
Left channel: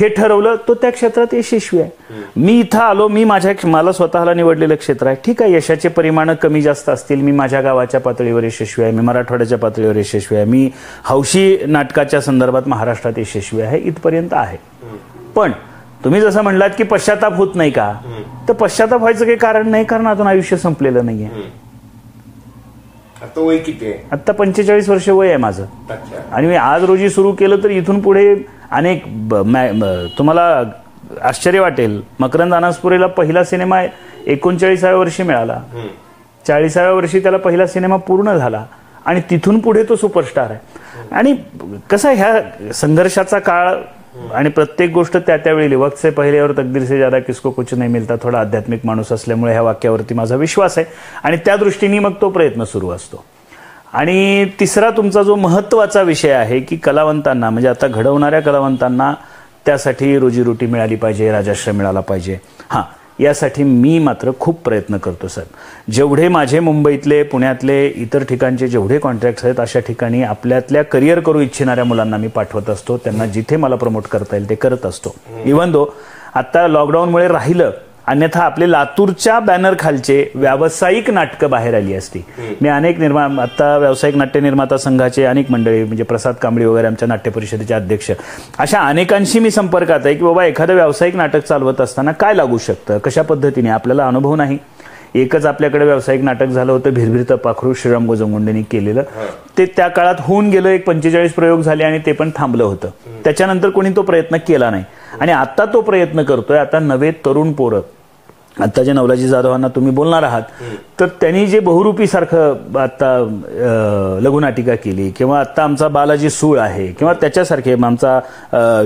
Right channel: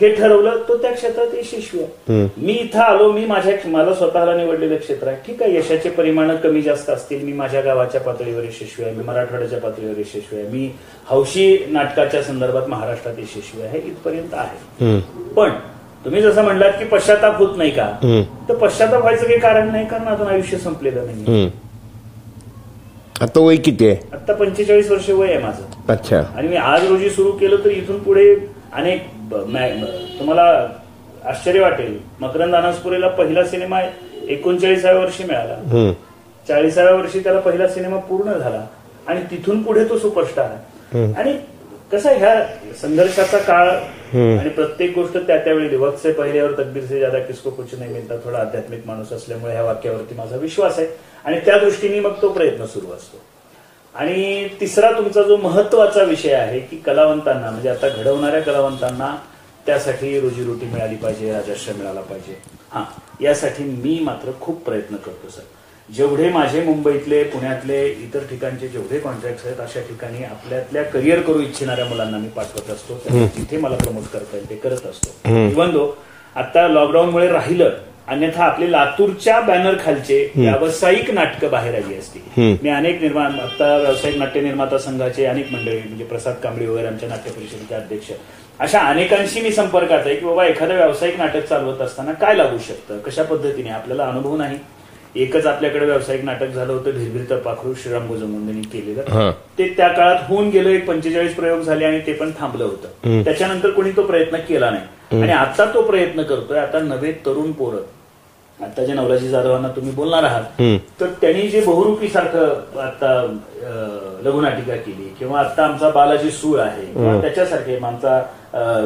हे ठरवलं. तो त्या क्षेत्रात यशस्वी आहे. मी इथं आलो, मी मला स्वतःला निवडलेलं क्षेत्र आहे. ठीक आहे, यशाचे परिमाण कमी जास्त असतील. मी माझ्या गावाच्या पातळीवर यशस्वी आहे, मी मराठवाड्याच्या पातळीवर यशस्वी आहे, मी हौशी नाटकाच्या संदर्भात महाराष्ट्रात यशस्वी आहे, इथपर्यंत आहे. पण तुम्ही जसं म्हणलात की पश्चाताप होत नाही का, तर पश्चाताप व्हायचं काही कारण नाही, कारण अजून आयुष्य संपलेलं नाहीये. आता वय किती आहे? आता 45 वर्ष वय आहे माझं. अच्छा. आणि मी आज रोजी सुरू केलं तर इथून पुढे अनेक, तुम्हाला आश्चर्य वाटेल, मकरंद अनासपुरेला पहिला सिनेमा 39व्या वर्षी मिळाला, 40व्या वर्षी त्याला पहिला सिनेमा पूर्ण झाला आणि तिथून पुढे तो सुपरस्टार आहे. आणि कसं ह्या संघर्षाचा काळ आणि प्रत्येक गोष्ट त्या त्यावेळी, वक्त से पहिले और तकदीर से ज्यादा किसको कुछ नहीं मिलता, थोडा आध्यात्मिक माणूस असल्यामुळे ह्या वाक्यावरती माझा विश्वास आहे आणि त्या दृष्टीने मग तो प्रयत्न सुरू असतो. आणि तिसरा तुमचा जो महत्वाचा विषय आहे की कलावंतांना, म्हणजे आता घडवणाऱ्या कलावंतांना त्यासाठी रोजीरोटी मिळाली पाहिजे, राजाश्रय मिळाला पाहिजे. यासाठी मी मात्र खूप प्रयत्न करतो सर. जेवढे माझे मुंबईतले, पुण्यातले, इतर ठिकाणचे जेवढे कॉन्ट्रॅक्ट्स आहेत, अशा ठिकाणी आपल्यातल्या करिअर करू इच्छिणाऱ्या मुलांना मी पाठवत असतो. त्यांना जिथे मला प्रमोट करता येईल ते करत असतो. इव्हन दो आता लॉकडाऊनमुळे राहिलं, अन्यथा आपले लातूरच्या बॅनर खालचे व्यावसायिक नाटकं बाहेर आली असती. मी अनेक आता व्यावसायिक नाट्य निर्माता संघाचे अनेक मंडळी, म्हणजे प्रसाद कांबळी वगैरे आमच्या नाट्य परिषदेचे अध्यक्ष, अशा अनेकांशी मी संपर्कात आहे की बाबा एखादं व्यावसायिक नाटक चालवत असताना काय लागू शकतं, कशा पद्धतीने, आपल्याला अनुभव नाही. एकच आपल्याकडे व्यावसायिक नाटक झालं होतं, भिरभिरतं पाखरू, श्रीराम गोजमगुंडेंनी केलेलं. ते त्या काळात होऊन गेलं, 45 प्रयोग झाले आणि ते पण थांबलं होतं. त्याच्यानंतर कोणी तो प्रयत्न केला नाही आणि आता तो प्रयत्न करतोय. आता नवे तरुण पोरं आता जे नवलाजी जाधवांना तुम्ही बोलणार आहात तर त्यांनी जे बहुरूपी सारखं आता लघुनाटिका केली किंवा आता आमचा बालाजी सूळ आहे किंवा त्याच्यासारखे आमचा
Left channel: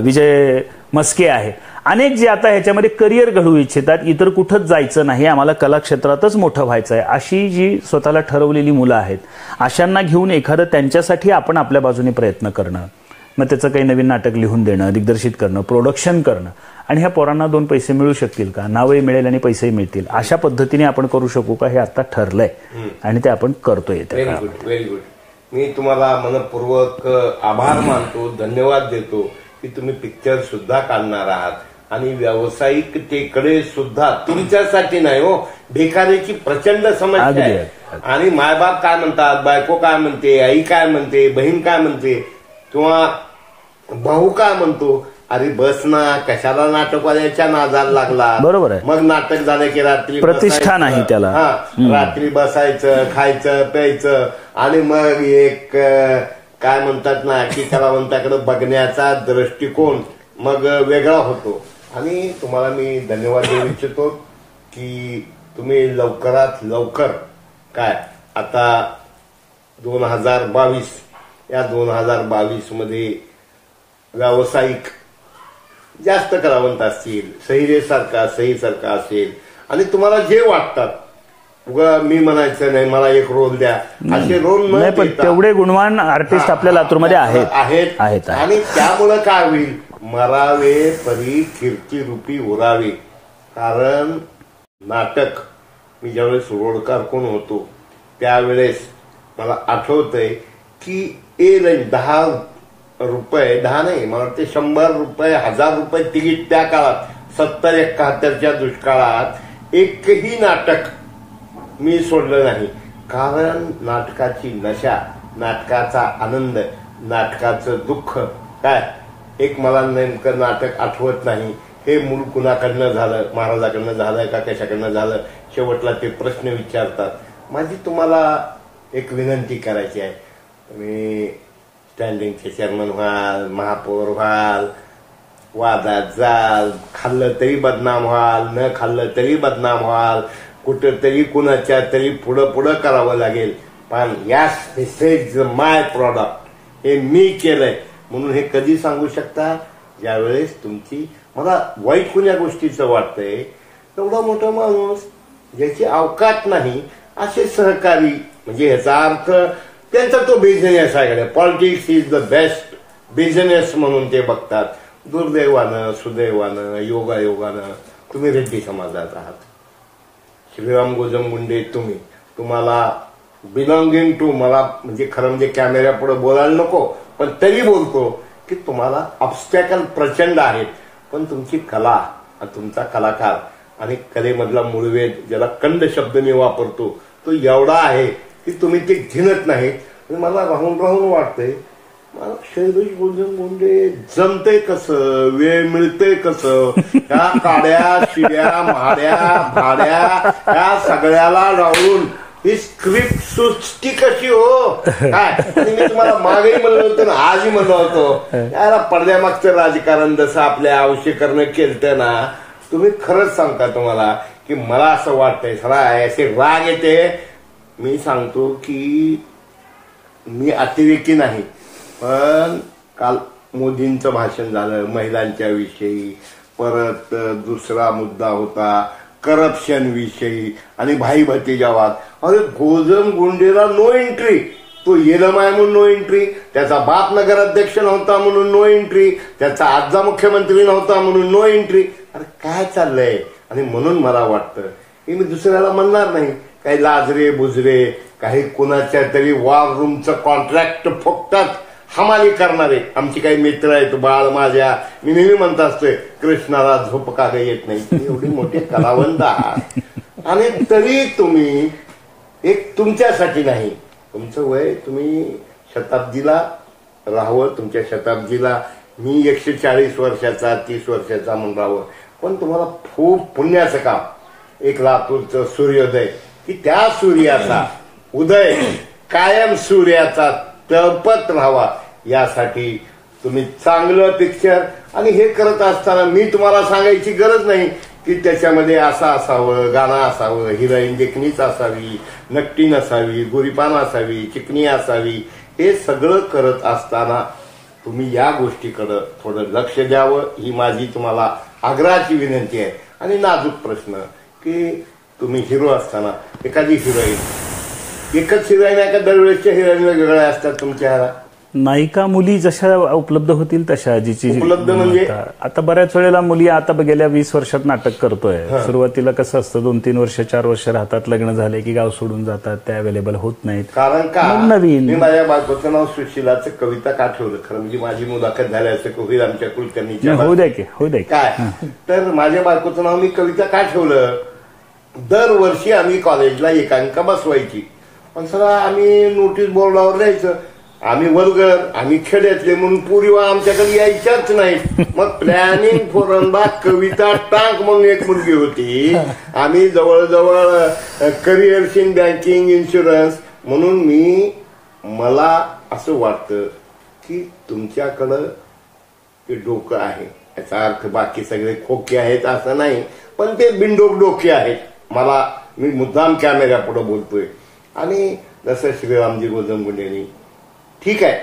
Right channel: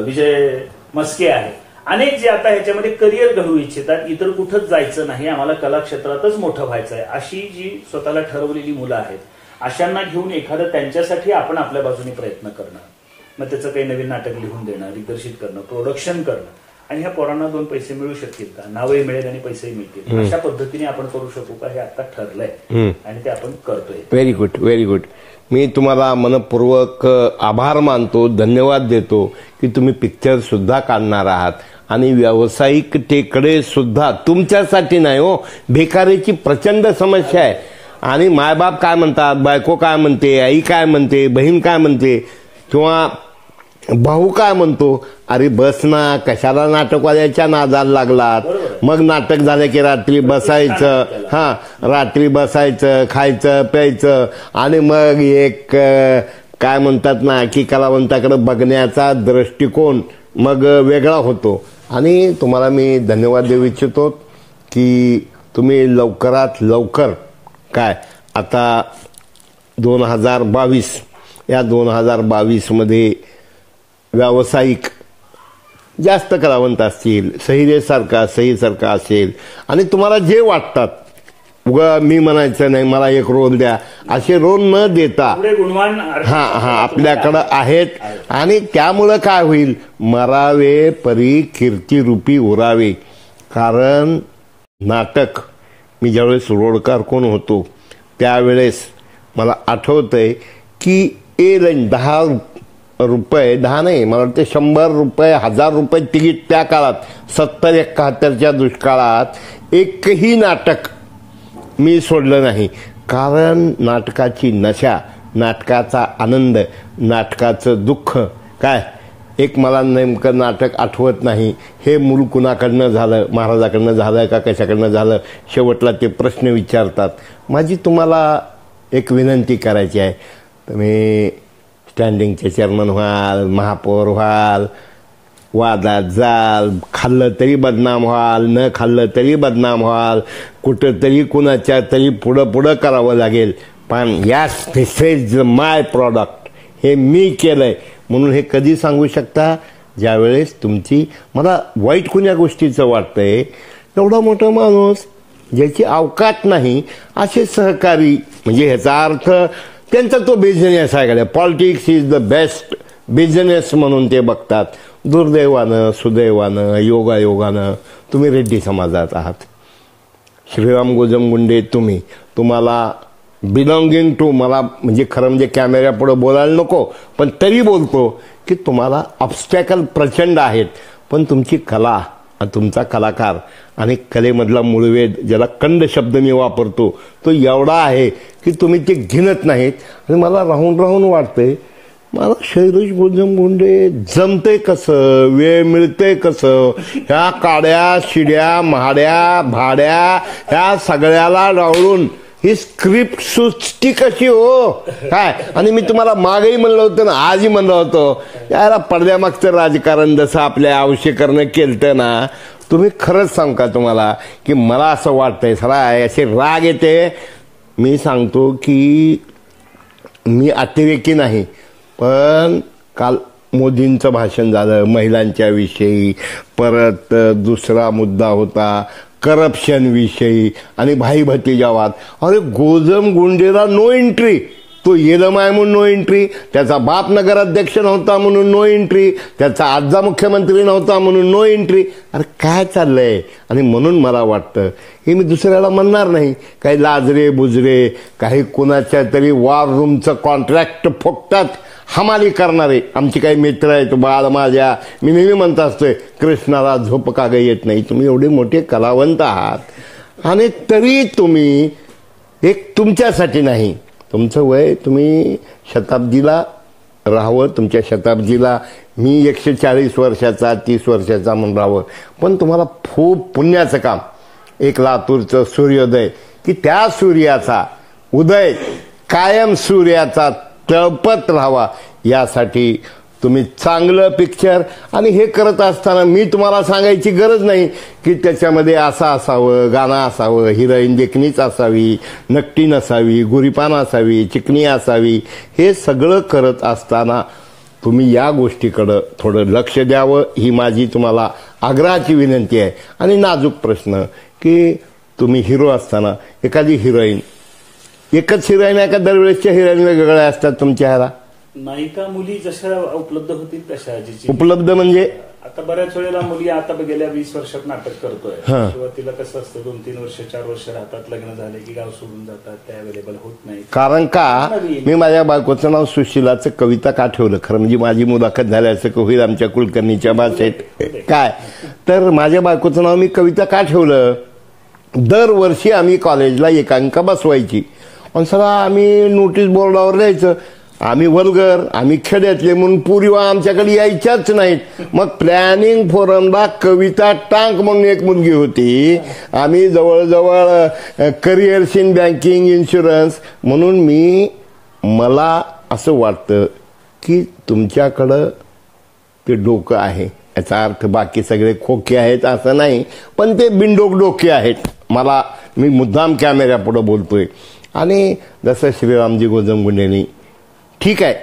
विजय मस्के आहे, अनेक जे आता ह्याच्यामध्ये करिअर घडवू इच्छितात, इतर कुठंच जायचं नाही, आम्हाला कला क्षेत्रातच मोठं व्हायचं आहे, अशी जी स्वतःला ठरवलेली मुलं आहेत, अशांना घेऊन एखादं त्यांच्यासाठी आपण आपल्या बाजूने प्रयत्न करणं, मग त्याचं काही नवीन नाटक लिहून देणं, दिग्दर्शित करणं, प्रोडक्शन करणं, आणि ह्या पोरांना 2 पैसे मिळू शकतील का, नावही मिळेल आणि पैसेही मिळतील, अशा पद्धतीने आपण करू शकू का, हे आता ठरलंय आणि ते आपण करतोय. Very good, very good. मी तुम्हाला मनपूर्वक आभार मानतो, धन्यवाद देतो की तुम्ही पिक्चर सुद्धा काढणार आहात आणि व्यावसायिकतेकडे सुद्धा. तुमच्यासाठी नाही हो, भिकारीची प्रचंड समस्या आहे आणि मायबाप काय म्हणतात, बायको काय म्हणते, आई काय म्हणते, बहीण काय म्हणते किंवा भाऊ काय म्हणतो, अरे बस ना, कशाला नाटकवाल्याच्या नादाला लागला. बरोबर आहे. मग नाटक झालं की रात्री बसायचं, रात्री बसायचं, खायचं प्यायचं आणि मग एक काय म्हणतात ना की कलावंताकडे बघण्याचा दृष्टिकोन मग वेगळा होतो. आणि तुम्हाला मी धन्यवाद देऊ इच्छितो की तुम्ही लवकरात लवकर काय आता 2022 या 2022 मध्ये व्यावसायिक जास्त कलावंत असतील, सहीसारखा असेल आणि तुम्हाला जे वाटतात, उगा मी म्हणायचं नाही मला एक रोल द्या, असे रोल न देता एवढे गुणवान आर्टिस्ट आपल्याकडे आहेत आणि त्यामुळं काय होईल, मरावे परी कीर्तिरूपी उरावे. कारण नाटक मी ज्यावेळेस रोडकार कोण होतो त्यावेळेस मला आठवतंय की 10 रुपये, 10 नाही मला वाटते 100 रुपये, 1000 रुपये तिकीट त्या काळात 70-71च्या दुष्काळात एकही नाटक मी सोडलं नाही. कारण नाटकाची नशा, नाटकाचा आनंद, नाटकाचं दुःख काय, एक मला नेमकं नाटक आठवत नाही, हे मूल कुणाकडनं झालं, महाराजाकडनं झालं का कशाकडनं झालं, शेवटला ते प्रश्न विचारतात. माझी तुम्हाला एक विनंती करायची आहे, तुम्ही स्टँडिंगचे चेअरमन व्हाल, महापौर व्हाल, वादात जाल, खाल्लं तरी बदनाम व्हाल, न खाल्लं तरी बदनाम व्हाल, कुठं तरी कुणाच्या तरी पुढं करावं लागेल, पण यास दिस इज माय प्रॉडक्ट, हे मी केलंय म्हणून हे कधी सांगू शकता, ज्यावेळेस तुमची. मला वाईट कुण्या गोष्टीचं वाटतंय, एवढा मोठा माणूस ज्याची अवकात नाही असे सहकारी, म्हणजे ह्याचा अर्थ त्यांचा तो बिझनेस आहे, politics is the best business म्हणून ते बघतात. दुर्दैवानं सुदैवानं योगायोगानं तुम्ही रेड्डी समाजात आहात. श्रीराम गोजमगुंडे तुम्हाला बिलॉंगिंग टू, मला म्हणजे खरं म्हणजे कॅमेऱ्यापुढे बोलायला नको पण तरी बोलतो की तुम्हाला ऑब्स्टॅकल प्रचंड आहेत, पण तुमची कला, तुमचा कलाकार आणि कलेमधला मूळवेद, ज्याला कंड शब्द मी वापरतो, तो एवढा आहे की तुम्ही ते घेणत नाहीत. आणि मला राहून वाटतंय, मला शैलेश गोजमगुंडे जमते कसं, वेळ मिळते कसं, ह्या काड्या शिड्या महाड्या भाड्या ह्या सगळ्याला डावळून ही स्क्रिप्ट सुचती कशी हो काय. आणि मी तुम्हाला मागही म्हणलं होतं ना, आजही म्हणलं होतं, याला पडद्यामागचं राजकारण जसं आपल्या आवश्यकरणं केलतं ना, तुम्ही खरंच सांग का तुम्हाला की मला असं वाटतंय, सरा असे राग येते. मी सांगतो की मी अतिरेकी नाही, पण काल मोदींचं भाषण झालं महिलांच्या विषयी, परत दुसरा मुद्दा होता करप्शन विषयी आणि भाई भतीजावाद. अरे गोजमगुंडेला नो एंट्री, तो येलमाय म्हणून नो एंट्री, त्याचा बाप नगराध्यक्ष नव्हता म्हणून नो एंट्री, त्याचा आजा मुख्यमंत्री नव्हता म्हणून नो एंट्री. अरे काय चाललंय. आणि म्हणून मला वाटतं हे मी दुसऱ्याला म्हणणार नाही, काही लाजरे बुजरे, काही कुणाच्या तरी वॉर रूमचं कॉन्ट्रॅक्ट फुकटात हमाली करणारे आमचे काही मित्र आहेत, बाळ माझ्या, मी नेहमी म्हणत असतोय कृष्णाला झोप का ग येत नाही. तुम्ही एवढे मोठे कलावंत आहात आणि तरी तुम्ही एक तुमच्यासाठी नाही, तुमचं वय तुम्ही शताब्दीला राहावं, तुमच्या शताब्दीला मी 140 वर्षाचा 30 वर्षाचा म्हणून राहावं, पण तुम्हाला खूप पुण्याचं काम. एक लातूरचं सूर्योदय की त्या सूर्याचा उदय कायम सूर्याचा तळपत राहावा यासाठी तुम्ही चांगलं पिक्चर आणि हे करत असताना मी तुम्हाला सांगायची गरज नाही की त्याच्यामध्ये असं असावं, गाणं असावं, हिरोईन देखणीच असावी, नकटी नसावी, गोरीपान असावी, चिकनी असावी. हे सगळं करत असताना तुम्ही या गोष्टीकडं थोडं लक्ष द्यावं ही माझी तुम्हाला आग्रहाची विनंती आहे. आणि नाजूक प्रश्न की तुम्ही हिरो असताना एखादी हिरोईन, एकच हिरोईन आहे का दरवेळेसच्या हिरोईन वेगवेगळ्या असतात तुमच्या ह्याला? नायिका मुली जशा उपलब्ध होतील तशा. उपलब्ध म्हणजे आता बऱ्याच वेळेला मुली आता गेल्या 20 वर्षात नाटक करतोय. सुरुवातीला कसं असतं 2-3 वर्ष 4 वर्ष राहतात, लग्न झाले की गाव सोडून जातात, त्या अवेलेबल होत नाहीत. कारण का नवीन मी माझ्या बायकोचं नाव सुशिलाचं कविता का ठेवलं, खरं म्हणजे माझी मुलाखत झाली असं होईल आमच्या कुलकर्णीच्या भाषेत काय, तर माझ्या बायकोचं नाव मी कविता का ठेवलं, दरवर्षी आम्ही कॉलेजला एकांका बसवायची आणि सगळं आम्ही नोटीस बोर्डावर लिहायचं. आम्ही वल्गर, आम्ही खेड्यातले म्हणून पुरीवा आमच्याकडे यायच्याच नाहीत. मग प्लॅनिंग फोरमला कविता टांक म्हणून एक मुलगी होती. आम्ही जवळजवळ करिअर्स इन बँकिंग, इन्शुरन्स म्हणून मला असं वाटतं की तुमच्याकडं ते डोकं आहे. याचा अर्थ बाकी सगळे खोके आहेत असं नाही, पण ते बिनडोक डोके आहेत. मी मुद्दाम कॅमेऱ्यापुढे बोलतोय. आणि जसं श्रीरामजी गोजमगुंडेंनी, ठीक आहे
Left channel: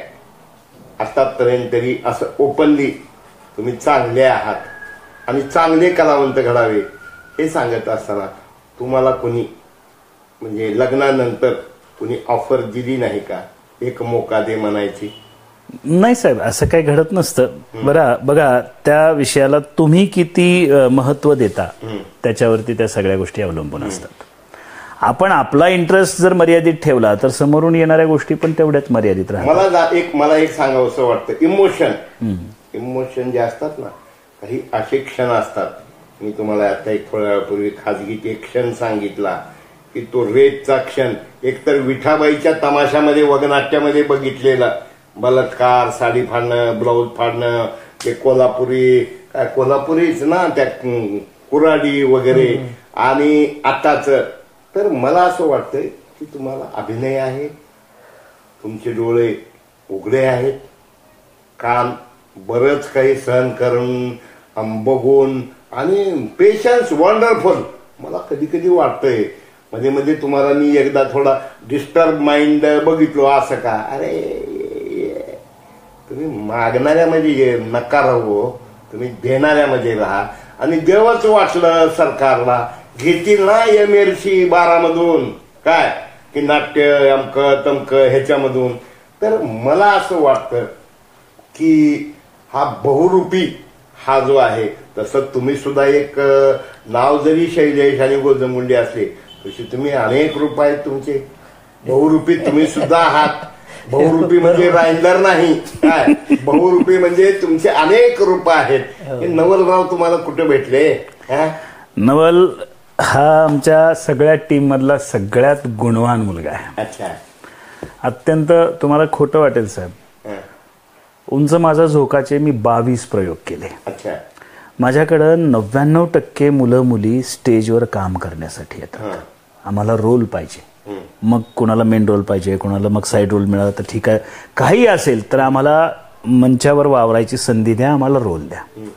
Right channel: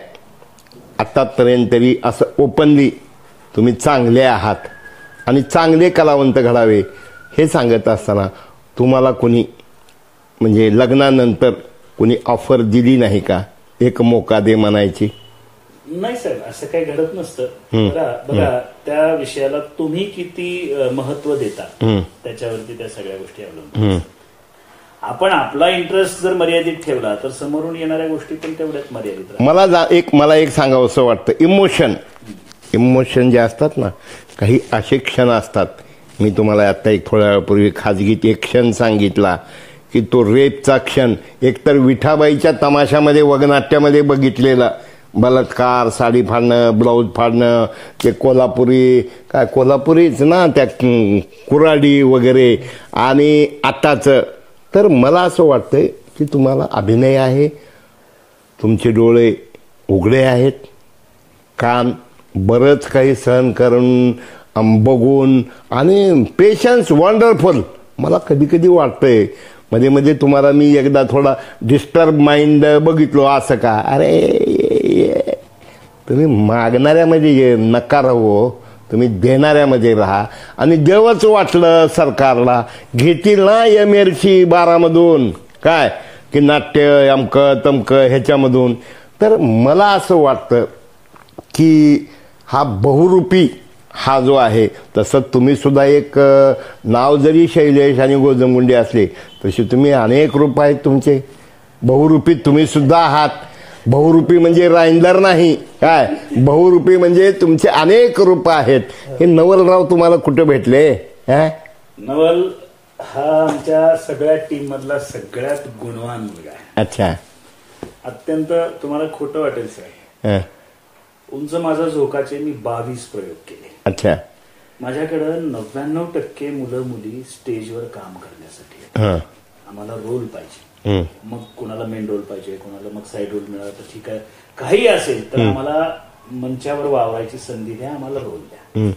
आतापर्यंत तरी असं ओपनली तुम्ही चांगले आहात आणि चांगले कलावंत घडावे हे सांगत असताना तुम्हाला कोणी म्हणजे लग्नानंतर कोणी ऑफर दिली नाही का, एक मोका दे म्हणायची? नाही साहेब, असं काही घडत नसतं. बघा त्या विषयाला तुम्ही किती महत्व देता त्याच्यावरती त्या सगळ्या गोष्टी अवलंबून असतात. आपण आपला इंटरेस्ट जर मर्यादित ठेवला तर समोरून येणाऱ्या गोष्टी पण तेवढ्याच मर्यादित राहतात. मला एक सांगावं असं वाटतं, इमोशन जे असतात ना, काही असे क्षण असतात. मी तुम्हाला आता एक थोड्या वेळापूर्वी खाजगीत एक क्षण सांगितला की तो रेपचा क्षण, एकतर विठाबाईच्या तमाशामध्ये वगनाट्यामध्ये बघितलेला बलात्कार, साडी फाडणं, ब्लाऊज फाडणं, ते कोल्हापुरीच ना, त्या कुराडी वगैरे, आणि आताचं. तर मला असं वाटतंय की तुम्हाला अभिनय आहे, तुमचे डोळे उघडे आहेत, कान बरंच काही सहन करून बघून, आणि पेशन्स वंडरफुल. मला कधी कधी वाटतंय मध्ये मध्ये तुम्हाला मी एकदा थोडा डिस्टर्ब माइंड बघितलो असं का, अरे तुम्ही मागणाऱ्यामध्ये नका राहू, तुम्ही देणाऱ्यामध्ये राहा. आणि देवच वाटलं सरकारला घेतील ना MLC 12 मधून काय की नाट्य अमकं तमकं ह्याच्यामधून, तर मला असं वाटतं की हा बहुरूपी हा जो आहे, तसं तुम्ही सुद्धा एक नाव जरी शैलेश आणि गोजमगुंडे असले तसे तुम्ही अनेक रूप आहेत तुमचे. बहुरूपी तुम्ही सुद्धा आहात. बहुरूपी म्हणजे राईंदर नाही काय, बहुरूपी म्हणजे तुमचे अनेक रूप आहेत. हे नवलराव तुम्हाला कुठे भेटले? नवल हा आमच्या सगळ्या टीम मधला सगळ्यात गुणवान मुलगा आहे. अच्छा. अत्यंत तुम्हाला खोटं वाटेल साहेब, उंच माझा झोकाचे मी 22 प्रयोग केले. अच्छा. माझ्याकडं 99% मुलं मुली स्टेजवर काम करण्यासाठी येतात. आम्हाला रोल पाहिजे, मग कोणाला मेन रोल पाहिजे, कोणाला मग साईड रोल मिळाला तर ठीक आहे, काही असेल तर आम्हाला मंचावर वावरायची संधी द्या, आम्हाला रोल द्या.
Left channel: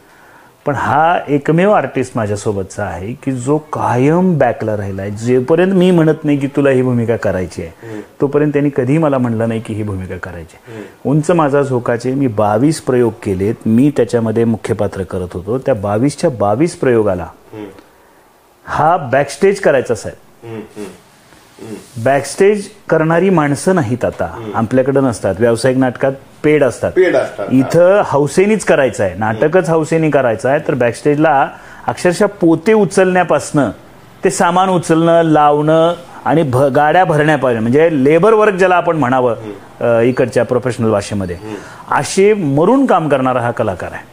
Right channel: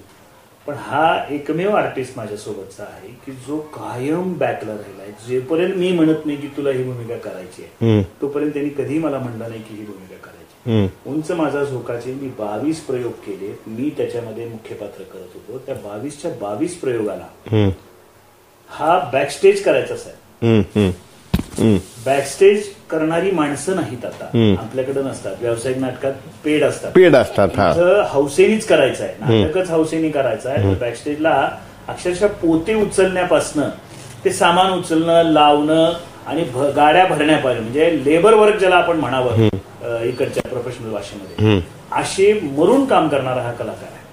पण हा एकमेव आर्टिस्ट माझ्यासोबतचा आहे की जो कायम बॅकला राहिलाय. जेपर्यंत मी म्हणत नाही की तुला ही भूमिका करायची आहे तोपर्यंत त्यांनी कधी मला म्हणलं नाही की ही भूमिका करायची. उंच माझा झोकाचे मी 22 प्रयोग केलेत. मी त्याच्यामध्ये मुख्य पात्र करत होतो. त्या 22च्या 22 प्रयोगाला हा बॅकस्टेज करायचा साहेब. बॅकस्टेज करणारी माणसं नाहीत आता आपल्याकडे, नसतात. व्यावसायिक नाटकात पेड असतात. इथं हौसेनीच करायचं आहे, नाटकच हौसेनी करायचं आहे. तर बॅकस्टेजला अक्षरशः पोते उचलण्यापासनं ते सामान उचलणं, लावणं आणि गाड्या भरण्यापासून, म्हणजे लेबर वर्क ज्याला आपण म्हणावं इकडच्या प्रोफेशनल भाषेमध्ये, असे मरून काम करणारा हा कलाकार आहे.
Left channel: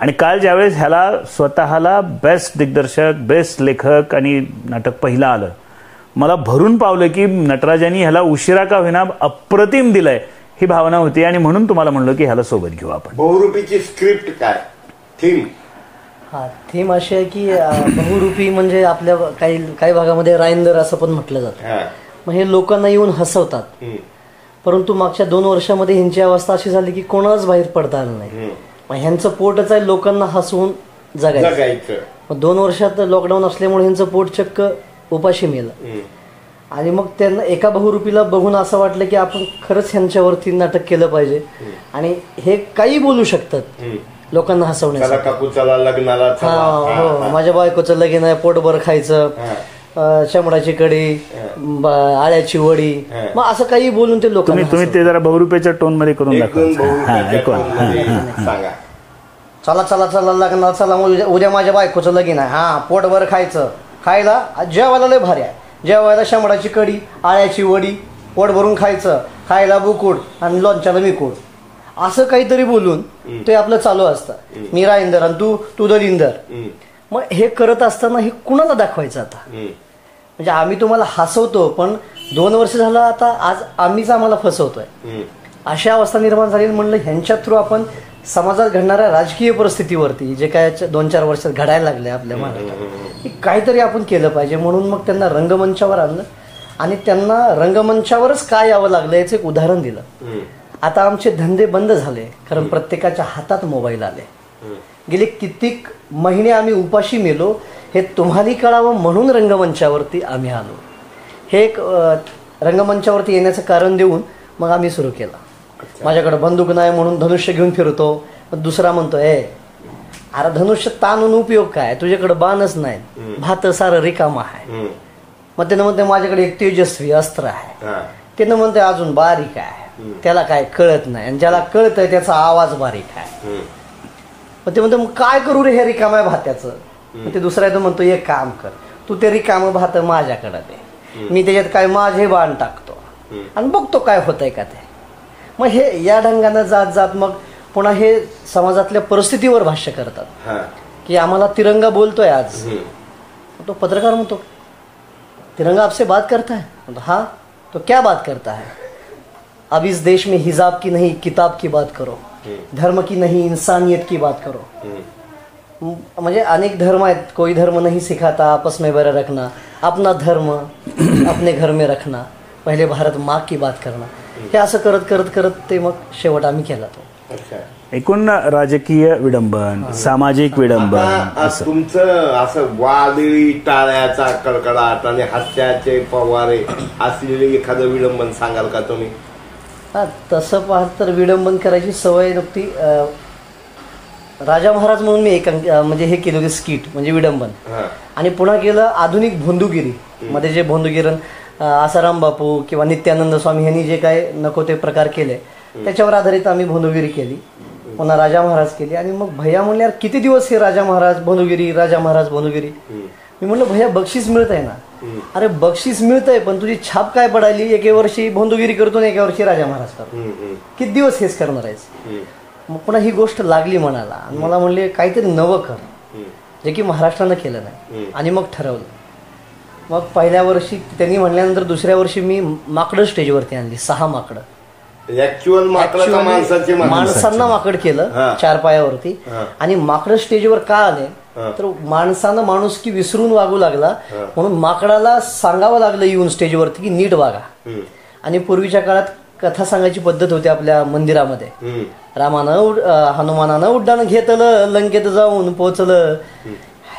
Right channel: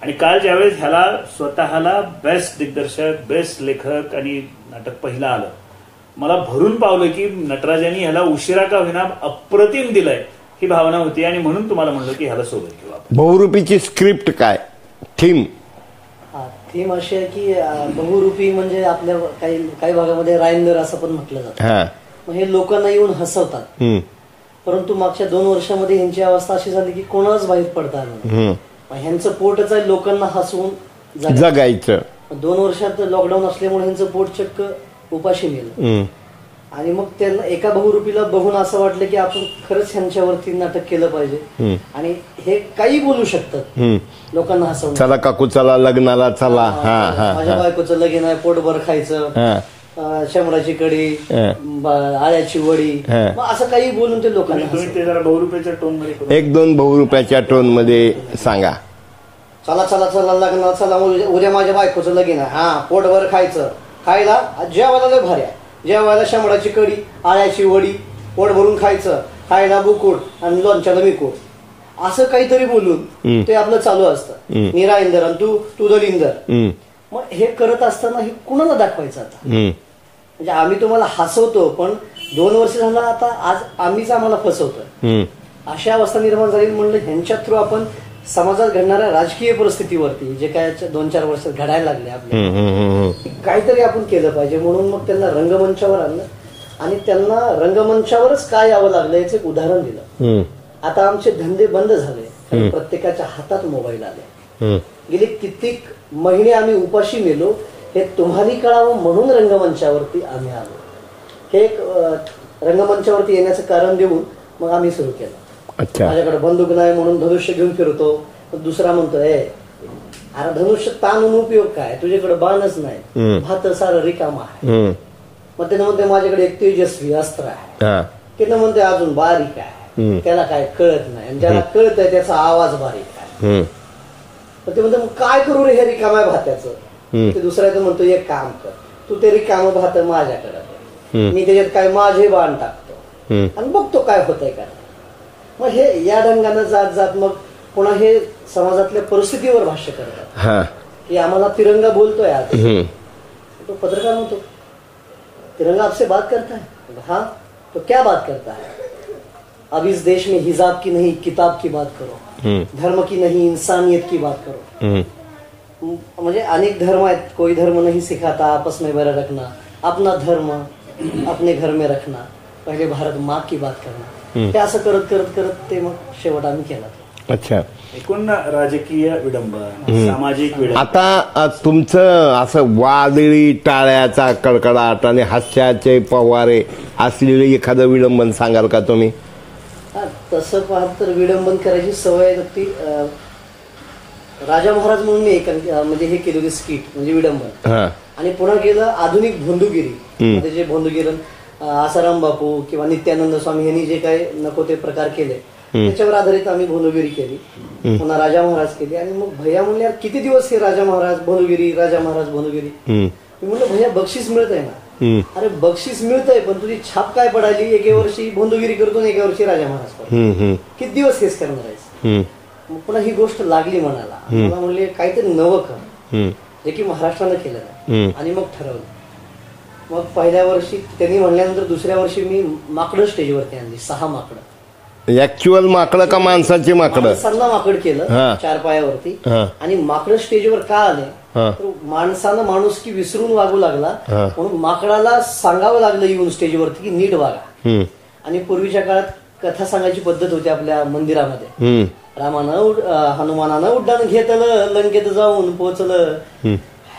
आणि काल ज्यावेळेस ह्याला स्वतःला बेस्ट दिग्दर्शक, बेस्ट लेखक आणि नाटक पहिलं आलं, मला भरून पावलं की नटराजांनी ह्याला उशिरा का होईना अप्रतिम दिलंय ही भावना होती. आणि म्हणून तुम्हाला म्हणलं की ह्याला सोबत घेऊ आपण. बहुरूपीची स्क्रिप्ट काय, थीम? थीम अशी आहे की बहुरूपी म्हणजे आपल्या काही भागामध्ये राईंदर असं पण म्हटलं जातं. मग हे लोकांना येऊन हसवतात. परंतु मागच्या 2 वर्षामध्ये ह्यांची अवस्था अशी झाली की कोणाच बाहेर पडता आलं नाही. मग ह्यांचं पोटच आहे लोकांना हसवून जगायचं. 2 वर्षात लॉकडाऊन असल्यामुळे ह्यांचं पोट चक्क उपाशी मेलं. आणि मग त्यांना एका बहुरूपीला बघून असं वाटलं की आपण खरंच ह्यांच्यावरती नाटक केलं पाहिजे. आणि हे काही बोलू शकतात लोकांना हसवण्यासाठी. चला काकू चला लग्नाला चला, माझ्या बायकोचं लगीन आहे, पोटभर खायचं, शंभराची कढी, आळ्याची वडी, मग असं काही बोलून ते लोकांना. तुम्ही ते जरा बहुरुपयाच्या टोन मध्ये करून 1-2 बहुरुपयाच्या टोन मध्ये सांगा. चला चला चला लग्नाला चला, उद्या माझ्या बायकोचं लगीन आहे, हा पोटभर खायचं, खायला जेवायला लय भारी आहे, जेवायला शंभराची कढी, आळ्याची वडी, पोट भरून खायचं, खायला बुकुट आणि लोणच्याला बिकुट, असं काहीतरी बोलून ते आपलं चालू असतं. मी राईंदर आणि तू दलिंदर. मग हे करत असताना हे कुणाला दाखवायचं आता? म्हणजे आम्ही तुम्हाला हसवतो, पण 2 वर्ष झालं आता आज आम्हीच आम्हाला फसवतोय. अशा अवस्था निर्माण झाली. म्हणलं ह्यांच्या थ्रू आपण समाजात घडणाऱ्या राजकीय परिस्थितीवरती जे काय 2-4 वर्षात घडायला लागले आपल्या, काहीतरी आपण केलं पाहिजे. म्हणून मग त्यांना रंगमंचावर आणलं आणि त्यांना रंगमंचावरच काय यावं लागलं याचं एक उदाहरण दिलं. आता आमचे धंदे बंद झाले, कारण प्रत्येकाच्या हातात मोबाईल आले. गेले कित्येक महिने आम्ही उपाशी मेलो, हे तुम्हालाही कळावं म्हणून रंगमंचावरती आम्ही आलो. हे एक रंगमंचावरती येण्याचं कारण देऊन मग आम्ही सुरू केलं. माझ्याकडे बंदूक नाही म्हणून धनुष्य घेऊन फिरतो. दुसरा म्हणतो अरे धनुष्य ताणून उपयोग काय, तुझ्याकडे बाणच नाही, भात सारं रिकाम आहे. मग त्यानं म्हणते माझ्याकडे एक तेजस्वी अस्त्र आहे. त्यानं म्हणते अजून बारीक आहे, त्याला काय कळत नाही, आणि ज्याला कळतंय त्याचा आवाज बारीक आहे. मग ते म्हणतो मग काय करू रे हे रिकाम आहे भात्याचं. ते दुसरा तो म्हणतो एक काम कर, तू ते रिकाम भात माझ्याकडे दे, मी त्याच्यात काय माझे बाण टाकतो आणि बघतो काय होतंय का ते. मग हे या ढंगानं जात जात मग पुन्हा हे समाजातल्या परिस्थितीवर भाष्य करतात की आम्हाला तिरंगा बोलतोय आज. तो पत्रकार म्हणतो तिरंगा आपसे बात करता है. हाँ तो क्या बात करता है? अब इस देश में हिजाब की नहीं किताब की बात करो, धर्म की नहीं इंसानियत की बात करो. म्हणजे अनेक धर्म आहेत, कोई धर्म नहीं सिखाता आपस में बैर रखना, अपना धर्म अपने घर में रखना, पहिले भारत माँ की बात करना. हे असं करत करत करत ते मग शेवट आम्ही केला तो. अच्छा. एकूण राजकीय विडंबन, सामाजिक विडंबन. आता तुमचं असं वादळी टाळ्याचा कडकडाट आणि हास्याचे फवारे असलेले एखादं विडंबन सांगाल का तुम्ही? तसं पाहत तर विडंबन करायची सवय नव्हती. राजा महाराज म्हणून मी एक म्हणजे हे केलं होते स्किट, म्हणजे विडंबन. आणि पुन्हा केलं आधुनिक भोंदूगिरी मध्ये जे भोंदूगिरण आसाराम बापू किंवा नित्यानंद स्वामी यांनी जे काय नको ते प्रकार केले त्याच्यावर आधारित आम्ही भोंदूगिरी केली. पुन्हा राजा महाराज केली. आणि मग भैया म्हणल्यावर किती दिवस हे राजा महाराज भोंदूगिरी, राजा महाराज भोंदूगिरी. मी म्हणलं भैया बक्षीस मिळतंय ना. अरे बक्षीस मिळतंय पण तुझी छाप काय पडायली, एके वर्षी भोंदूगिरी करतो ना एका वर्षी राजा महाराज करतो, किती दिवस हेच करणार आहेस. मग पुन्हा ही गोष्ट लागली मनाला. मला म्हणले काहीतरी नवं कर, जे की महाराष्ट्रानं केलं नाही. आणि मग ठरवलं. मग पहिल्या वर्षी त्यांनी म्हणल्यानंतर दुसऱ्या वर्षी मी माकडं स्टेजवरती आणली, 6 माकडं. ऍक्च्युअल माकडं का माणसाची माकडं? माणसांना माकड केलं 4 पायावरती. आणि माकडं स्टेजवर का आले तर माणसानं माणूस की विसरून वागू लागला, म्हणून माकडाला सांगावं लागलं येऊन स्टेजवरती की नीट वागा. आणि पूर्वीच्या काळात कथा सांगायची पद्धत होती आपल्या मंदिरामध्ये. रामानं हनुमानानं उड्डाण घेतलं, लंकेत जाऊन पोहोचलं.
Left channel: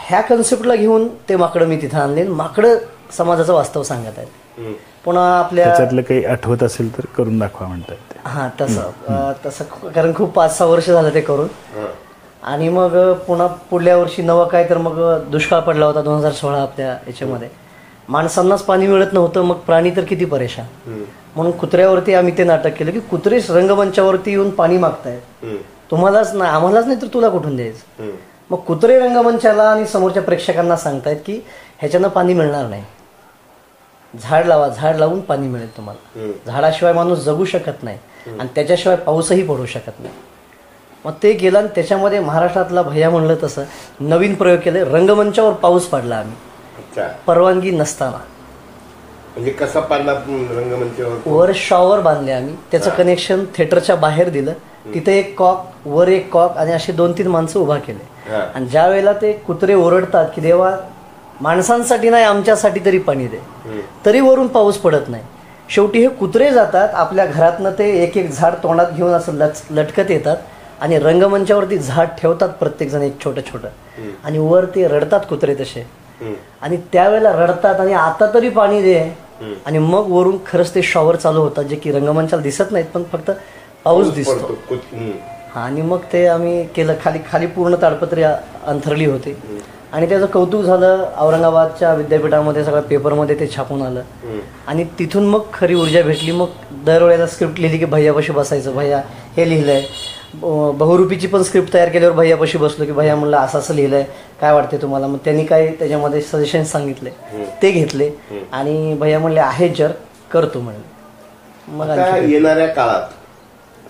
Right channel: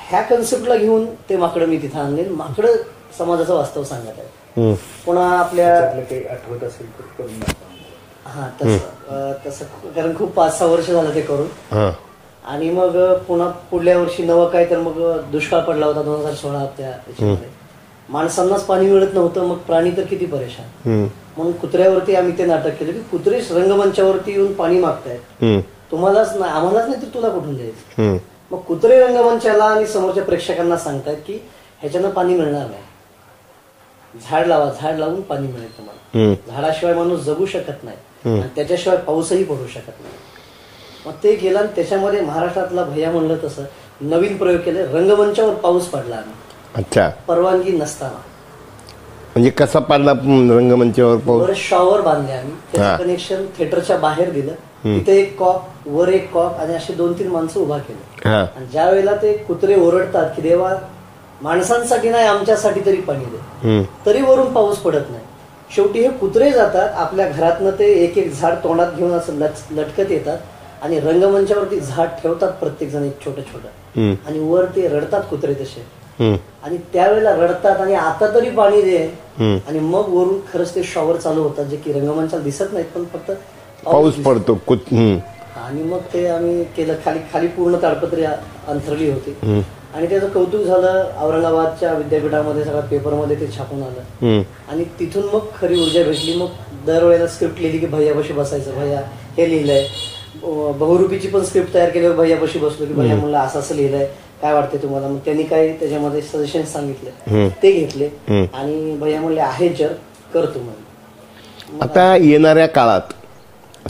ह्या कन्सेप्टला घेऊन ते माकडं मी तिथं आणले. माकडं समाजाचं वास्तव सांगत आहेत. पुन्हा आपल्या काही आठवत असेल तर करून दाखवा म्हणतात. हा तसं कारण खूप 5-6 वर्ष झालं ते करून. आणि मग पुन्हा पुढल्या वर्षी नवं काय तर मग दुष्काळ पडला होता 2016 आपल्या याच्यामध्ये. माणसांनाच पाणी मिळत नव्हतं, मग प्राणी तर किती परेशान. म्हणून कुत्र्यावरती आम्ही ते नाटक केलं की कुत्रे रंगमंचावरती येऊन पाणी मागतायत, तुम्हालाच नाही आम्हालाच नाही तर तुला कुठून द्यायचं. मग कुत्रे रंगमंचाला आणि समोरच्या प्रेक्षकांना सांगतायत की ह्याच्यानं पाणी मिळणार नाही, झाड लावा, झाड लावून पाणी मिळेल तुम्हाला. झाडाशिवाय माणूस जगू शकत नाही आणि त्याच्याशिवाय पाऊसही पडू शकत नाही. मग ते केलं. त्याच्यामध्ये महाराष्ट्रातला भैया म्हणलं तसं नवीन प्रयोग केले. रंगमंचावर पाऊस पडला आम्ही. अच्छा. परवानगी नसताना. म्हणजे कसा पडला रंगमंचावर? वर शॉवर बांधले आम्ही, त्याचं कनेक्शन थिएटरच्या बाहेर दिलं. तिथे एक कॉक, वर एक कॉक आणि असे 2-3 माणसं उभा केले. आणि ज्या वेळेला ते कुत्रे ओरडतात की देवा माणसांसाठी नाही आमच्यासाठी तरी पाणी दे, तरी वरून पाऊस पडत नाही. शेवटी हे कुत्रे जातात आपल्या घरातनं, ते एक एक झाड तोंडात घेऊन असं लटकत येतात आणि रंगमंचावरती झाड ठेवतात प्रत्येक जण एक छोटं छोटं, आणि वर ते रडतात कुत्रे तसे, आणि त्यावेळेला रडतात आणि आता तरी पाणी दे, आणि मग वरून खरंच ते शॉवर चालू होतात जे की रंगमंचाला दिसत नाहीत पण फक्त पाऊस पडतो. आणि मग ते आम्ही केलं. खाली खाली पूर्ण ताडपत्री अंथरली होती आणि त्याचं कौतुक झालं. औरंगाबादच्या विद्यापीठामध्ये सगळ्या पेपरमध्ये ते छापून आलं आणि तिथून मग खरी ऊर्जा भेटली. मग दरवेळेला स्क्रिप्ट लिहिली की भैयापाशी बसायचं, भैया हे लिहिलंय. बहुरूपीची पण स्क्रिप्ट तयार केल्यावर भैयापाशी बसलो की भैया म्हणलं असं असं लिहिलंय, काय वाटते तुम्हाला. मग त्यांनी काय त्याच्यामध्ये सजेशन सांगितले, ते घेतले आणि भैया म्हणले आहे जर करतो म्हणले. आता येणाऱ्या काळात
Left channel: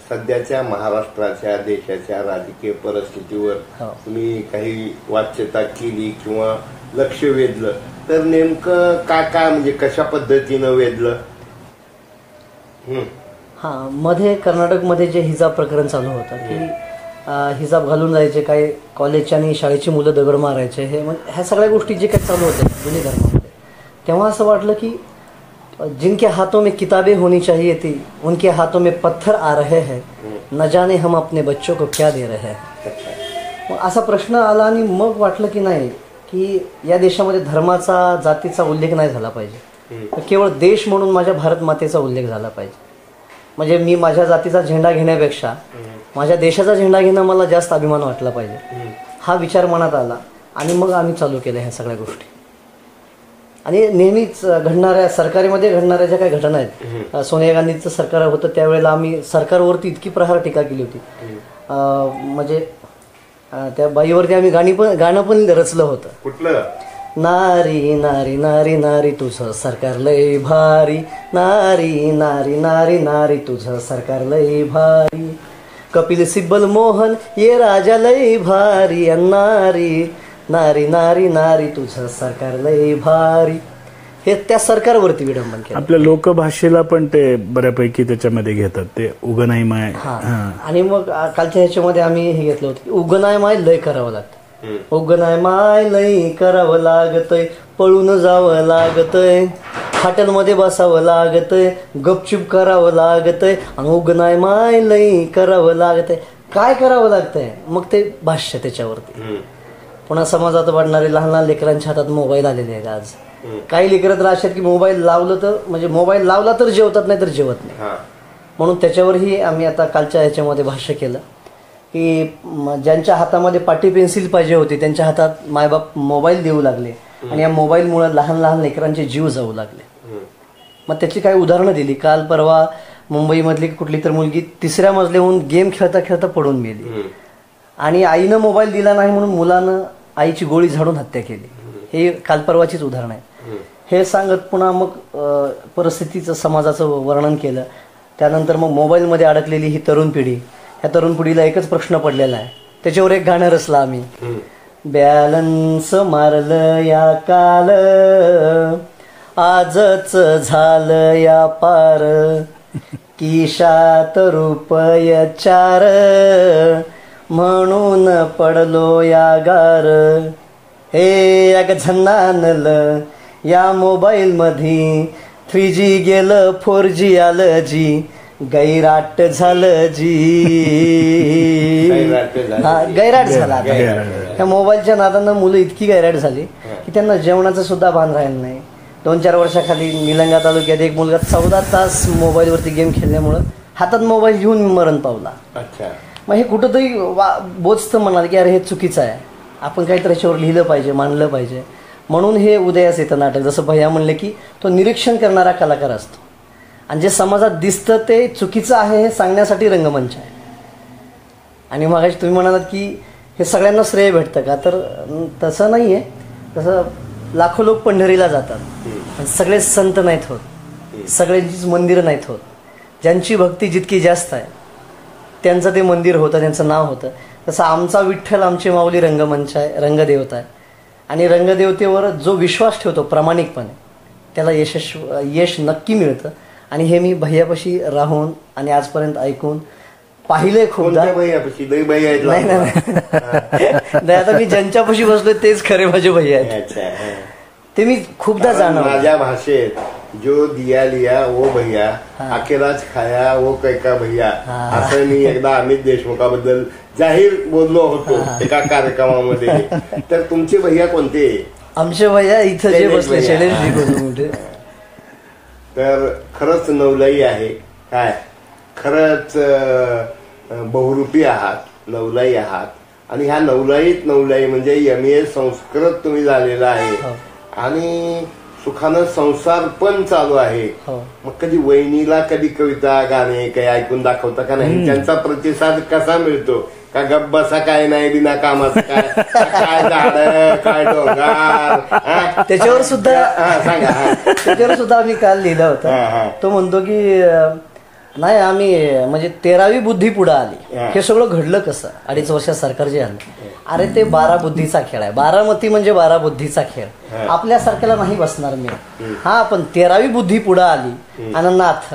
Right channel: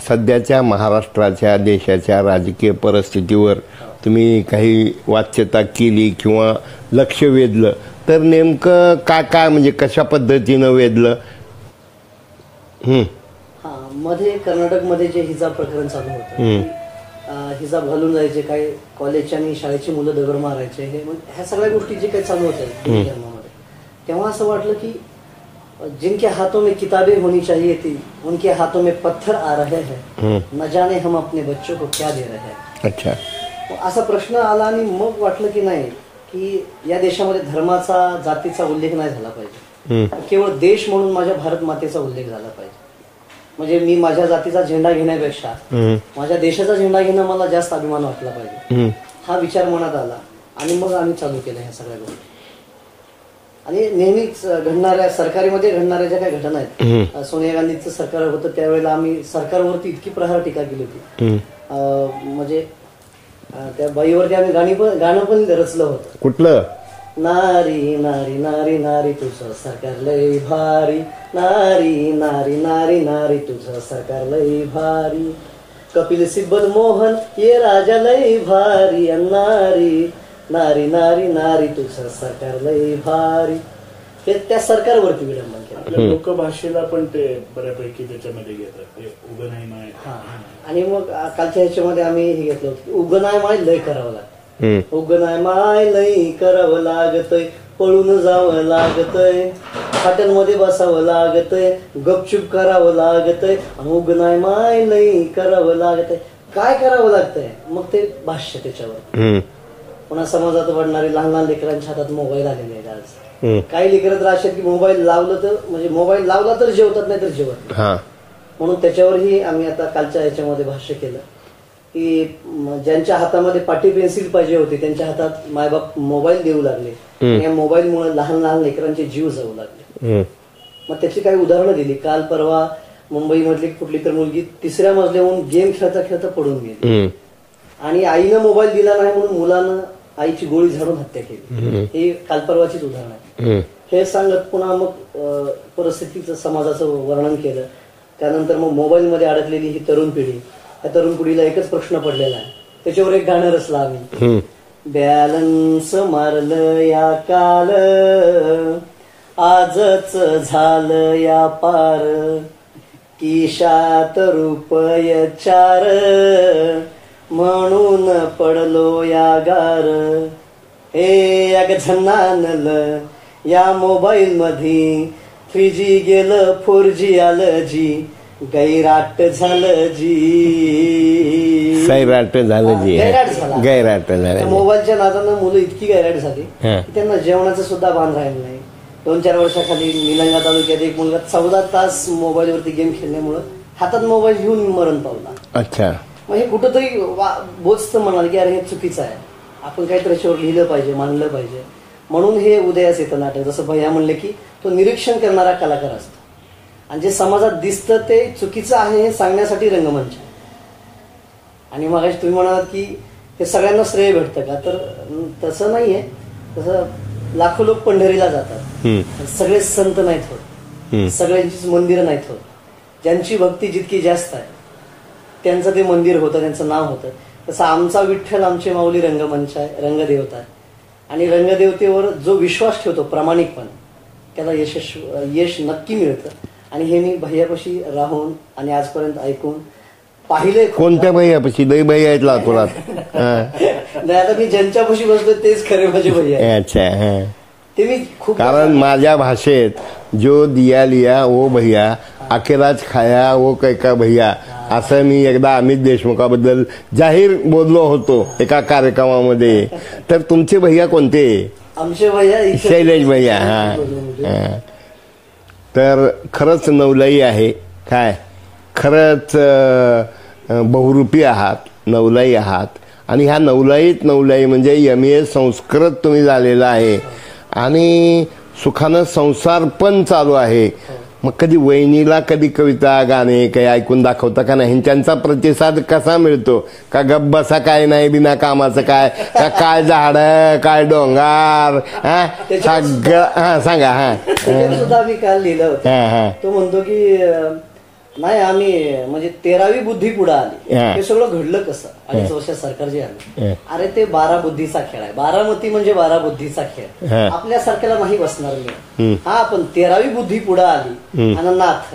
सध्याच्या महाराष्ट्राच्या देशाच्या राजकीय परिस्थितीवर तुम्ही काही वाच्यता केली किंवा लक्ष वेधलं तर नेमकं काय काय, म्हणजे कशा पद्धतीनं वेधलं? हा, मध्ये कर्नाटकमध्ये जे हिजाब प्रकरण चालू होतं की हिजाब घालून जायचे, काय कॉलेजच्या आणि शाळेची मुलं दगड मारायचे, हे ह्या सगळ्या गोष्टी जे काही चालू होत्या तेव्हा असं वाटलं की जिनके हाथों में किताबें होनी चाहिए थी उनके हाथों में पत्थर आ रहे हैं, न जाने हम अपने बच्चों को क्या दे रहे हैं. अच्छा, मग असा प्रश्न आला आणि मग वाटलं की नाही, की या देशामध्ये धर्माचा जातीचा उल्लेख नाही झाला पाहिजे, केवळ देश म्हणून माझ्या भारत मातेचा उल्लेख झाला पाहिजे. म्हणजे मी माझ्या जातीचा झेंडा घेण्यापेक्षा माझ्या देशाचा झेंडा घेणं मला जास्त अभिमान वाटला पाहिजे, हा विचार मनात आला आणि मग आम्ही चालू केल्या ह्या सगळ्या गोष्टी. आणि नेहमीच घडणाऱ्या सरकारीमध्ये घडणाऱ्या ज्या काही घटना आहेत, सोनिया गांधींचं सरकार होतं त्यावेळेला आम्ही सरकारवरती इतकी प्रहार टीका केली होती, म्हणजे त्या बाईवरती आम्ही गाणं पण रचलं होतं. कुठलं? नारी नारी नारी नारी तुझं सरकार लई भारी, नारी नारी नारी नारी तुझं सरकार लई भारी, कपिल सिब्बल मोहन ये राजा लई भारी, नारी नारी नारी नारी तुझं सरकार लई भारी, हे त्या सरकारवरती विडंबन केलं. आपल्या लोकभाषेला पण ते बऱ्यापैकी त्याच्यामध्ये घेतात, ते उगनाई माय. आणि मग कालच्या ह्याच्यामध्ये आम्ही हे घेतलं होतं की उगनाय माय लय करावं लागतं, उगनाय माय लई करावं लागतंय, पळून जावं लागतंय, हॉटेलमध्ये बसावं लागतंय, गपचूप करावं लागतंय, आणि उगनाय माय लई करावं लागतंय. काय करावं लागतंय? मग ते भाष्य त्याच्यावरती. पुन्हा समाजात वाढणारे लहान लहान लेकरांच्या हातात मोबाईल आलेले आहेत आज. काही लेकरं तर अशा की मोबाईल लावलं तर म्हणजे मोबाईल लावला तर जेवतात, नाही तर जेवत नाही. म्हणून त्याच्यावरही आम्ही आता कालच्या ह्याच्यामध्ये भाष्य केलं की ज्यांच्या हातामध्ये पाटी पेन्सिल पाहिजे होती त्यांच्या हातात मायबाप मोबाईल देऊ लागले आणि या मोबाईलमुळे लहान लहान लेकरांचे जीव जाऊ लागले. मग त्याची काही उदाहरणं दिली. काल परवा मुंबईमधली कुठली तर मुलगी 3ऱ्या मजल्याहून गेम खेळता खेळता पडून गेली आणि आईनं मोबाईल दिला नाही म्हणून मुलानं आईची गोळी झाडून हत्या केली. हे काल परवाचीच उदाहरण आहे. हे सांगत पुन्हा मग परिस्थितीचं समाजाचं वर्णन केलं. त्यानंतर मग मोबाईलमध्ये अडकलेली ही तरुण पिढी, या तरुण पिढीला एकच प्रश्न पडलेला आहे, त्याच्यावर एक गाणं रचलं आम्ही. बॅलन्स मारलं या काल आजच झालं या पार, किशात रुपये 4 म्हणून पडलो या गार. हे अग झन्नानलं या मोबाईल मध्ये 3G गेलं 4G आलं जी, गैराट झालं जी, गैराट झालं. त्या मोबाईलच्या नादानं मुलं इतकी गैराट झाली की त्यांना जेवणाचं सुद्धा भान राहिलं नाही. 2-4 वर्षाखाली निलंगा तालुक्यात एक मुलगा 14 तास मोबाईलवरती गेम खेळल्यामुळं हातात मोबाईल घेऊन मरण पावला. अच्छा, मग हे कुठंतरी बोचतं म्हणाल की अरे हे चुकीचं आहे, आपण काहीतरी याच्यावर लिहिलं पाहिजे, मांडलं पाहिजे. म्हणून हे उदयास येतं नाटक. जसं भैया म्हणले की तो निरीक्षण करणारा कलाकार असतो आणि जे समाजात दिसतं ते चुकीचं आहे हे सांगण्यासाठी रंगमंच आहे. आणि मग तुम्ही म्हणालात की हे सगळ्यांना श्रेय भेटतं का, तर तसं नाहीये. तसं लाखो लोक पंढरीला जातात, सगळे संत नाहीत होत, सगळ्यांचीच मंदिरं नाहीत होत. ज्यांची भक्ती जितकी जास्त आहे त्यांचं ते मंदिर होतं, त्यांचं नाव होतं. तसं आमचा विठ्ठल आमची माऊली रंगमंच आहे, रंगदेवता आहे. आणि रंगदेवतेवर जो विश्वास ठेवतो प्रामाणिकपणे त्याला यश नक्की मिळतं. आणि हे मी भैयापाशी राहून आणि आजपर्यंत ऐकून पाहिले. कोणत्या भैयापाशी? लई भैया आहेत नाही, आता मी ज्यांच्यापाशी बसलोय तेच खरे माझे भैया आहेत. अच्छा, ते मी खूप माझ्या भाषेत जो दिया लिया वो भैया अकेलाच खाया वो कैका भैया असं मी एकदा अमित देशमुखाबद्दल जाहीर बोललो होतो एका कार्यक्रमामध्ये. तर तुमचे भैया कोणते? आमचे भैया इथे जे शैलेश बसले, भैया. शैलेश जी बोलतो. हा. तर खरंच नवलाई आहे काय, खरंच बहुरूपी आहात, नवलाई आहात. आणि ह्या नवलाई म्हणजे MA संस्कृत तुम्ही झालेला आहे आणि सुखानं संसार पण चालू आहे. मग कधी वहिनीला कधी कविता गाणे काही ऐकून दाखवता का नाही? त्यांचा प्रतिसाद कसा मिळतो? का गप बसा काय नाही बिना कामाचं काय, का काय झाड काय डोंगर त्याच्यावर सुद्धा सांगा. त्याच्यावर सुद्धा आम्ही काल लिहिलं होतं. तो म्हणतो की नाही आम्ही म्हणजे 13वी बुद्धी पुढे आली. हे सगळं घडलं कसं? 2.5 वर्षात सरकार जे आलं, अरे ते 12 बुद्धीचा खेळ आहे. 12मती म्हणजे 12 बुद्धीचा खेळ. आपल्यासारख्याला नाही बसणार मी. हा पण 13वी बुद्धी पुढे आली आणि नाथ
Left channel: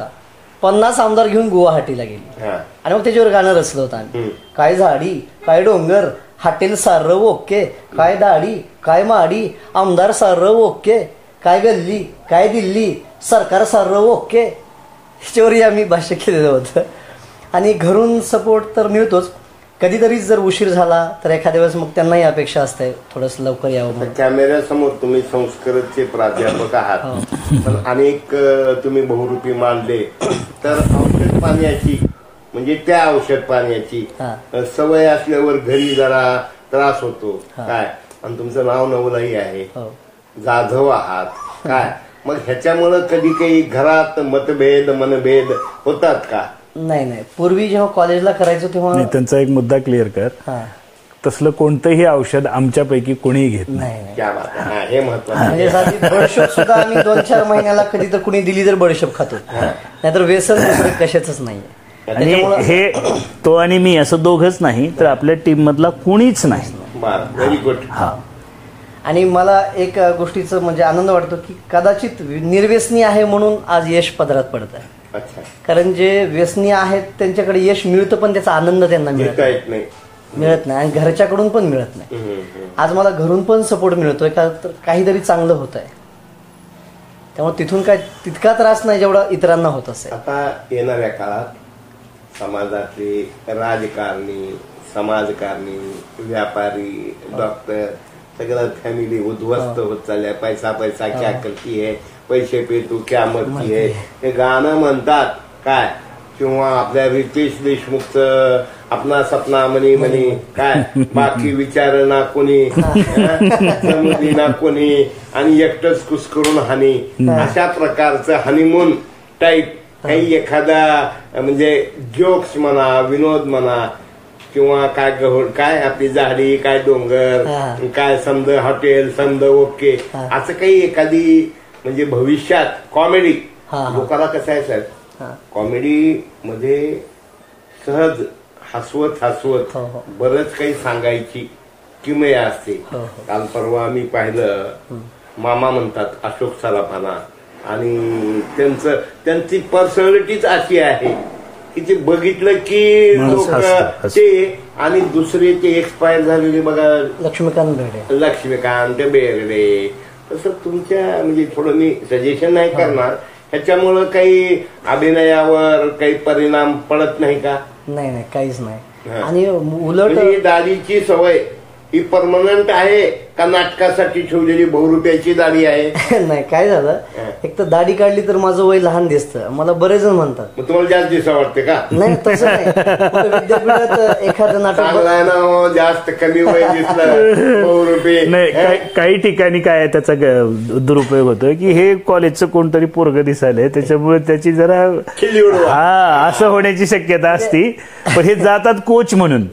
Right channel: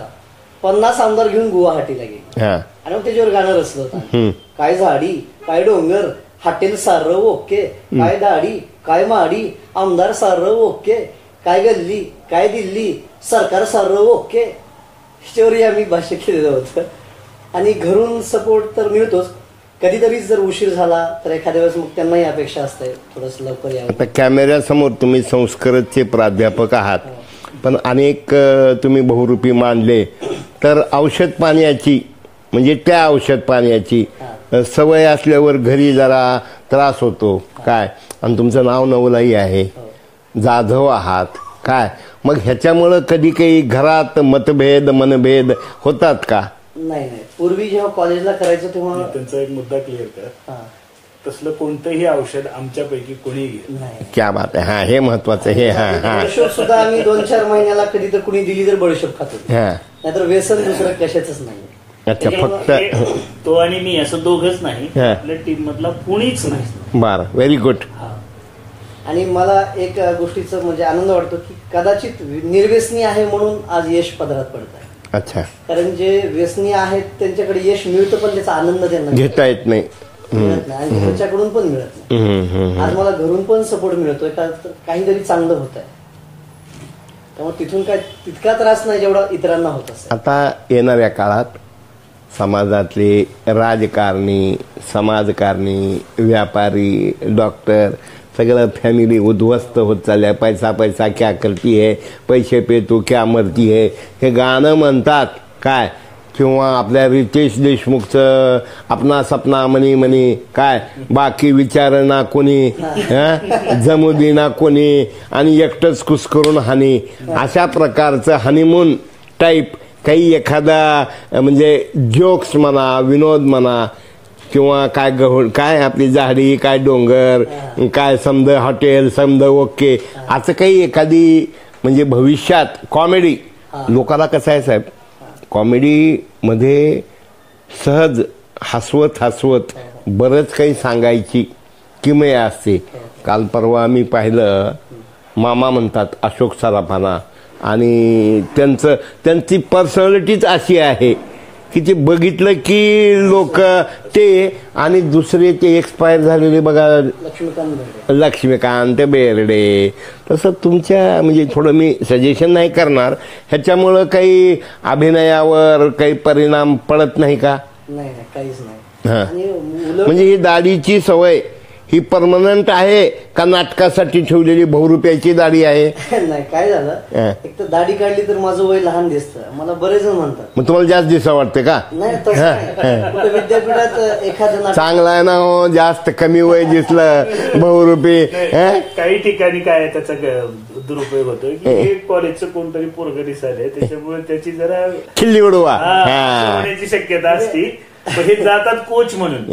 50 आमदार घेऊन गुवाहाटीला गेली आणि मग त्याच्यावर गाणं रचलं होतं. काय झाडी काय डोंगर हॉटेल सार ओके, काय दाढी काय माडी आमदार सार ओके, काय गल्ली काय दिल्ली सरकार सार ओके. ह्याच्यावरही आम्ही भाष्य केलेलं होतं. आणि घरून सपोर्ट तर मिळतोच. कधीतरी जर उशीर झाला तर एखाद्या वेळेस मग त्यांनाही अपेक्षा असते थोडस लवकर यावं. कॅमेऱ्यासमोर तुम्ही संस्कृतचे प्राध्यापक आहात, पण अनेक तुम्ही बहुरूपी मानले तर औषध पाण्याची म्हणजे त्या औषध पाण्याची सवय असल्यावर घरी जरा त्रास होतो काय. आणि तुमचं नाव नवलाई आहे, जाधव आहात काय. मग ह्याच्यामुळं कधी काही घरात मतभेद मनभेद होतात का? नाही पूर्वी जेव्हा कॉलेजला करायचो तेव्हा त्यांचा एक मुद्दा क्लिअर कर. तसलं कोणतंही औषध आमच्यापैकी कोणीही घेत नाही. क्या बात आहे. हा हे महत्वाचं आहे. बडशोप सुद्धा आम्ही 2-4 महिन्याला कधी तर कुणी दिली तर बडशोप खातो, नाहीतर व्यसन दुसरं कशाच नाही. हे तो आणि मी असं दोघंच नाही तर आपल्या टीम मधला कुणीच नाही. बरं, व्हेरी गुड. हा. आणि मला एक गोष्टीचं म्हणजे आनंद वाटतो की कदाचित निर्व्यसनी आहे म्हणून आज यश पदरात पडत आहे. अच्छा. कारण जे व्यसनी आहेत त्यांच्याकडे यश मिळतं पण त्याचा आनंद त्यांना घेता येत नाही, मिळत नाही आणि घरच्याकडून पण मिळत नाही. आज मला घरून पण सपोर्ट मिळतोय का तर काहीतरी चांगलं होत आहे. त्यामुळे तिथून काय तितका त्रास नाही जेवढा इतरांना होत असेल. आता येणाऱ्या काळात समाजातले राजकारणी, समाजकारणी, व्यापारी, डॉक्टर सगळं फॅमिली उद्ध्वस्त होत चालल्या. पैसा पैसा क्या करती है, पैसे पे तू क्या मरती है हे गाणं म्हणतात काय. किंवा आपल्या रितेश देशमुखचं आपला सपना मनी मनी काय, बाकी विचारणा कोणी, जमुदी ना कोणी आणि एकटंच कुस्करून हानी, अशा प्रकारचं हनीमून टाईप काही एखादा म्हणजे जोक्स म्हणा, विनोद म्हणा किंवा काय काय आपली झाडी काय डोंगर काय समद हॉटेल समद ओके असं काही एखादी म्हणजे भविष्यात कॉमेडी. लोकांना कसं आहे साहेब, कॉमेडी मध्ये सहज हसवत हसवत बरंच काही सांगायची किमया असते. काल परवा आम्ही पाहिलं मामा म्हणतात अशोक सराफाना आणि त्यांची पर्सनॅलिटीच अशी आहे की ते बघितलं की लोक ते आणि दुसरे ते एक्सपायर झालेले बघा लक्ष्मीकांत बेर्डे. तसं तुमच्या म्हणजे थोडं मी सजेशन नाही करणार, ह्याच्यामुळं काही अभिनयावर काही परिणाम पडत नाही का? नाही काहीच नाही. आणि म्हणजे ही दाढीची सवय ही परमनंट आहे का नाटकासाठी ठेवलेली बहुरूपयाची दाढी आहे? नाही काय झालं, एक तर दाढी काढली तर माझं वय लहान दिसतं, मला बरेच जण म्हणतात. मग तुम्हाला जास्त दिसा वाटते का? नाही तसं विद्यापीठात एखादं नाटक चांगला ना जास्त कमी वय दिसलं बहुरूपी. काही ठिकाणी काय त्याचा दुरुपयोग होतोय की हे कॉलेजचं कोणतरी पोरग दिसायलंय त्याच्यामुळे त्याची जरा खिल्ली उडवा असं होण्याची शक्यता असती. पण हे जातात कोच म्हणून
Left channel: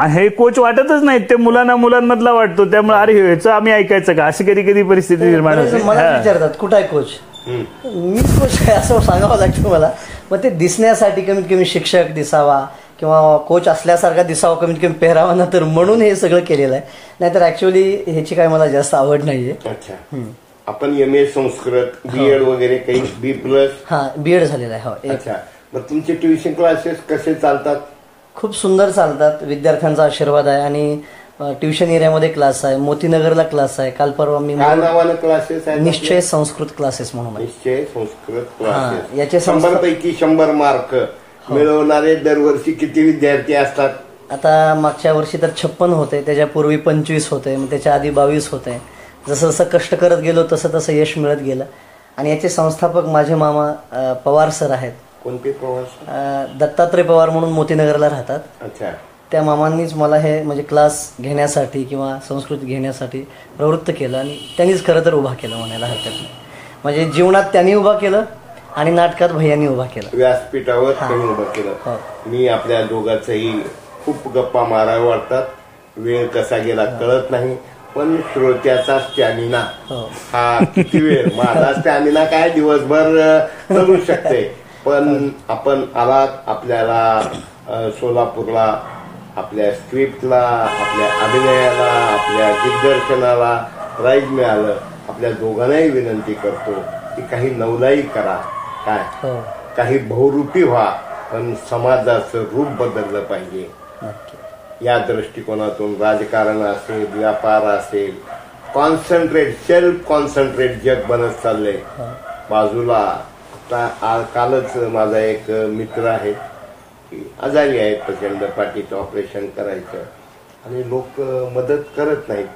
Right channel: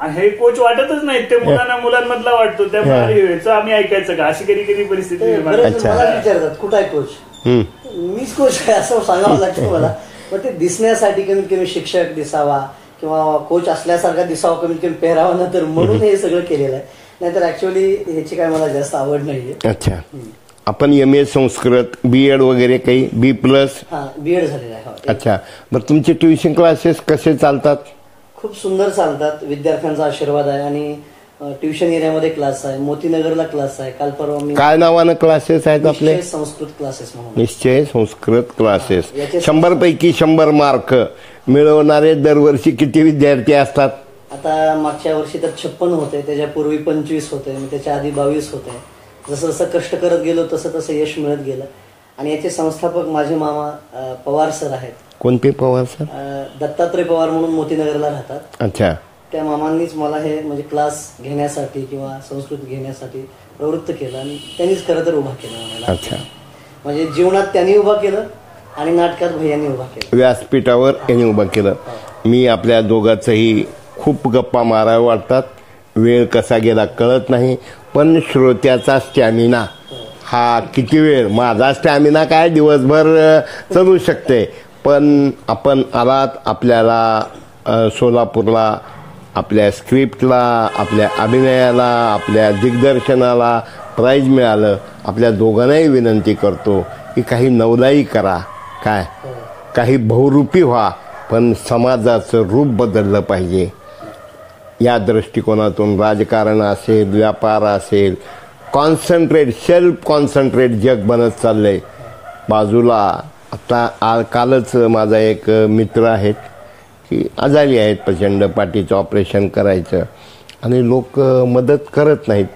आणि हे कोच वाटतच नाहीत, ते मुलांमधला वाटतो. त्यामुळे अरे ह्याचं आम्ही ऐकायचं का, अशी कधी कधी परिस्थिती निर्माण झाली. विचारतात कुठं आहे कोच, मीच कोच आहे असं सांगावं लागतं मला. मग ते दिसण्यासाठी कमीत कमी शिक्षक दिसावा किंवा कोच असल्यासारखा दिसावा, कमीत कमी पेहरावा ना, तर म्हणून हे सगळं केलेलं आहे. नाहीतर ऍक्च्युअली ह्याची काय मला जास्त आवड नाहीये. अच्छा. आपण MA संस्कृत BEd वगैरे काही B+? हा BEd झालेला आहे. अच्छा. बरं तुमचे ट्युशन क्लासेस कसे चालतात? खूप सुंदर चालतात, विद्यार्थ्यांचा आशीर्वाद आहे. आणि ट्युशन एरियामध्ये क्लास आहे, मोतीनगरला क्लास आहे. काल परवा मी काय नावानं क्लासेस आहेत आपले? निश्चय संस्कृत क्लासेस म्हणून आहे. निश्चय संस्कृत हा, क्लासेस. याचे 100 पैकी 100 मार्क मिळवणारे दरवर्षी किती विद्यार्थी असतात? आता मागच्या वर्षी तर 56 होते, त्याच्यापूर्वी 25 होते, मग त्याच्या आधी 22 होते. जसं जसं कष्ट करत गेलो तसं तसं यश मिळत गेलं. आणि याचे संस्थापक माझे मामा पवार सर आहेत. कोणते पवार सर? दत्तात्रय पवार म्हणून मोतीनगरला राहतात. अच्छा. त्या मामांनीच मला हे म्हणजे क्लास घेण्यासाठी किंवा संस्कृत घेण्यासाठी प्रवृत्त केलं आणि त्यांनीच खरं तर उभा केलं म्हणायला. म्हणजे जीवनात त्यांनी उभा केलं आणि नाटकात भैयांनी उभा केलं, व्यासपीठावर त्यांनी उभं केलं. मी आपल्या दोघांचंही खूप गप्पा माराव्या वाटतात, वेळ कसा गेला कळत नाही. पण श्रोत्याचा स्टॅमिना हा किती वेळ, माझा स्टॅमिना काय दिवसभर चालू शकते. पण आपण आलात, आपल्याला सोलापूरला आपल्या स्क्रिप्टला, आपल्या अभिनयाला, आपल्या दिग्दर्शनाला प्राईज मिळालं. आपल्या दोघांनाही विनंती करतो की काही नवलाई करा, काय काही बहुरूपी व्हा, पण समाजाचं रूप बदललं पाहिजे. या दृष्टिकोनातून राजकारण असेल, व्यापार असेल, कॉन्सन्ट्रेट, सेल्फ कॉन्सन्ट्रेट जग बनत चाललंय. बाजूला आता कालच माझा एक मित्र आहेत की आजारी आहेत, प्रचंड पाठीचं ऑपरेशन करायचं आणि लोक मदत करत नाहीत.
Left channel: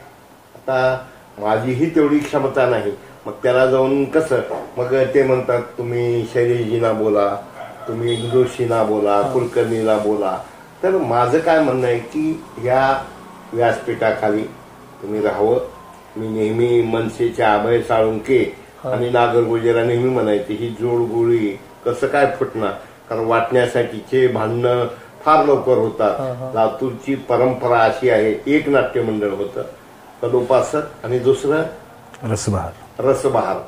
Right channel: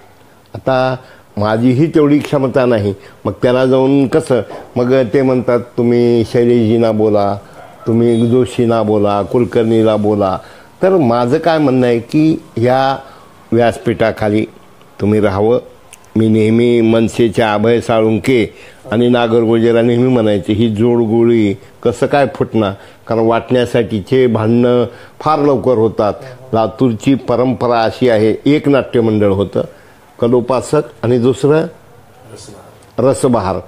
आता माझीही तेवढी क्षमता नाही, मग त्याला जाऊन कसं, मग ते म्हणतात तुम्ही शैलेशजींना बोला, तुम्ही जोशींना बोला, कुलकर्णीला बोला. तर माझं काय म्हणणं आहे की या व्यासपीठाखाली तुम्ही राहावं. मी नेहमी मनसेच्या अभय साळुंके आणि नागरगोजेला नेहमी म्हणायचे, ही जोडगोळी कसं काय फुटणार, कारण वाटण्यासाठीचे भांडणं फार लवकर होतात. लातूरची परंपरा अशी आहे, एक नाट्यमंडळ होतं कलोपासक आणि दुसरं रसबहार.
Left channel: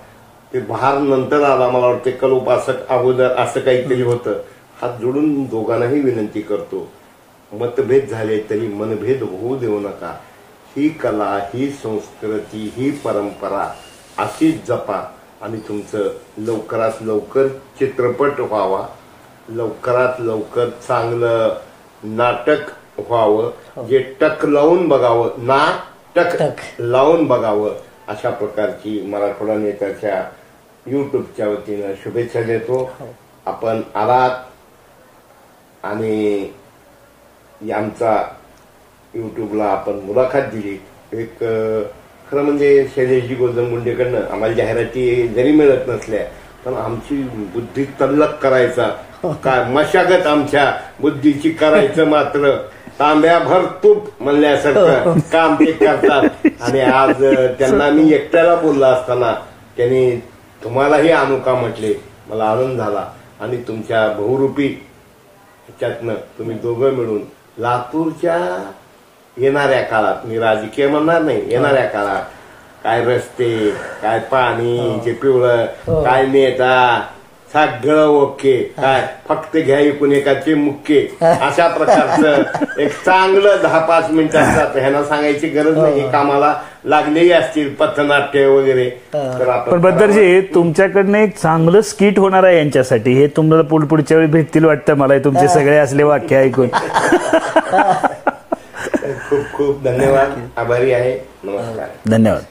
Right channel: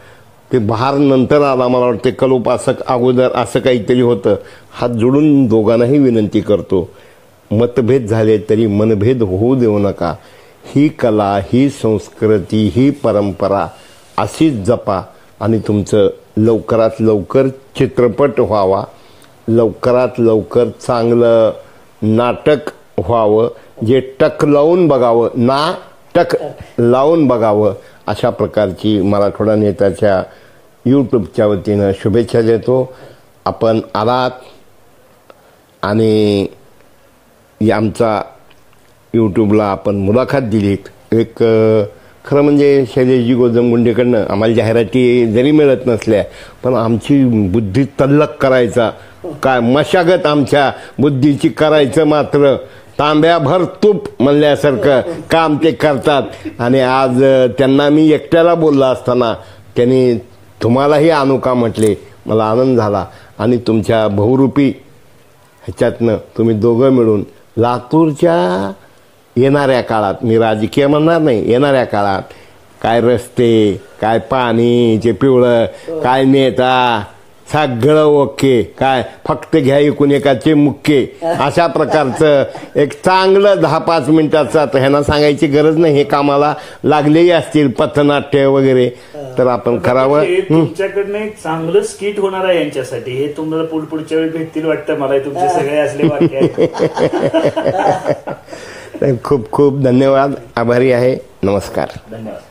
ते बहार नंतर आला, मला वाटते कलोपासक अगोदर असं काहीतरी होतं. हात जोडून दोघांनाही विनंती करतो, मतभेद झाले तरी मनभेद होऊ देऊ नका. ही कला, ही संस्कृती, ही परंपरा अशीच जपा आणि तुमचं लवकरात लवकर चित्रपट व्हावा, लवकरात लवकर चांगलं नाटक व्हावं, जे टक लावून बघावं, ना टक लावून बघावं. अशा प्रकारची मराठवाडा नेत्याच्या यूट्यूबच्या वतीनं शुभेच्छा देतो. आपण आलात आणि आमचा यूट्यूबला आपण मुलाखत दिलीत. एक खरं म्हणजे शैलेशजी गोजमगुंडेकडनं आम्हाला जाहिराती जरी मिळत नसल्या, पण आमची बुद्धी तल्लक करायचा काय मशागत आमच्या बुद्धीची करायचं मात्र तांब्याभर तूप म्हणल्यासारखं काम ते करतात. आणि आज त्यांना मी एकट्याला बोलला असताना त्यांनी तुम्हालाही आणू का म्हटले, मला आनंद झाला. आणि तुमच्या बहुरूपी ह्याच्यातनं तुम्ही दोघं मिळून लातूरच्या येणाऱ्या काळात, मी राजकीय म्हणणार नाही, येणाऱ्या काळात काय रस्ते, काय पाणी जे पिवळं, काय नेता, सगळं ओके, काय फक्त घ्या इकून एकाचे मुख्य, अशा प्रकारचं एक चांगलं 10-5 मिनिटाचं ह्यांना सांगायची गरज नाही. हे कामाला लागलेही असतील पथनाट्य वगैरे, तर आपण तुमच्याकडनं एक चांगलं स्किट होणार आहे यांच्यासाठी. हे तुम्हाला पुढच्या वेळी भेटतील वाटतं मला, तुमचे सगळे असले वाक्य ऐकून. खूप खूप धन्यवाद, आभारी आहे. नमस्कार. धन्यवाद.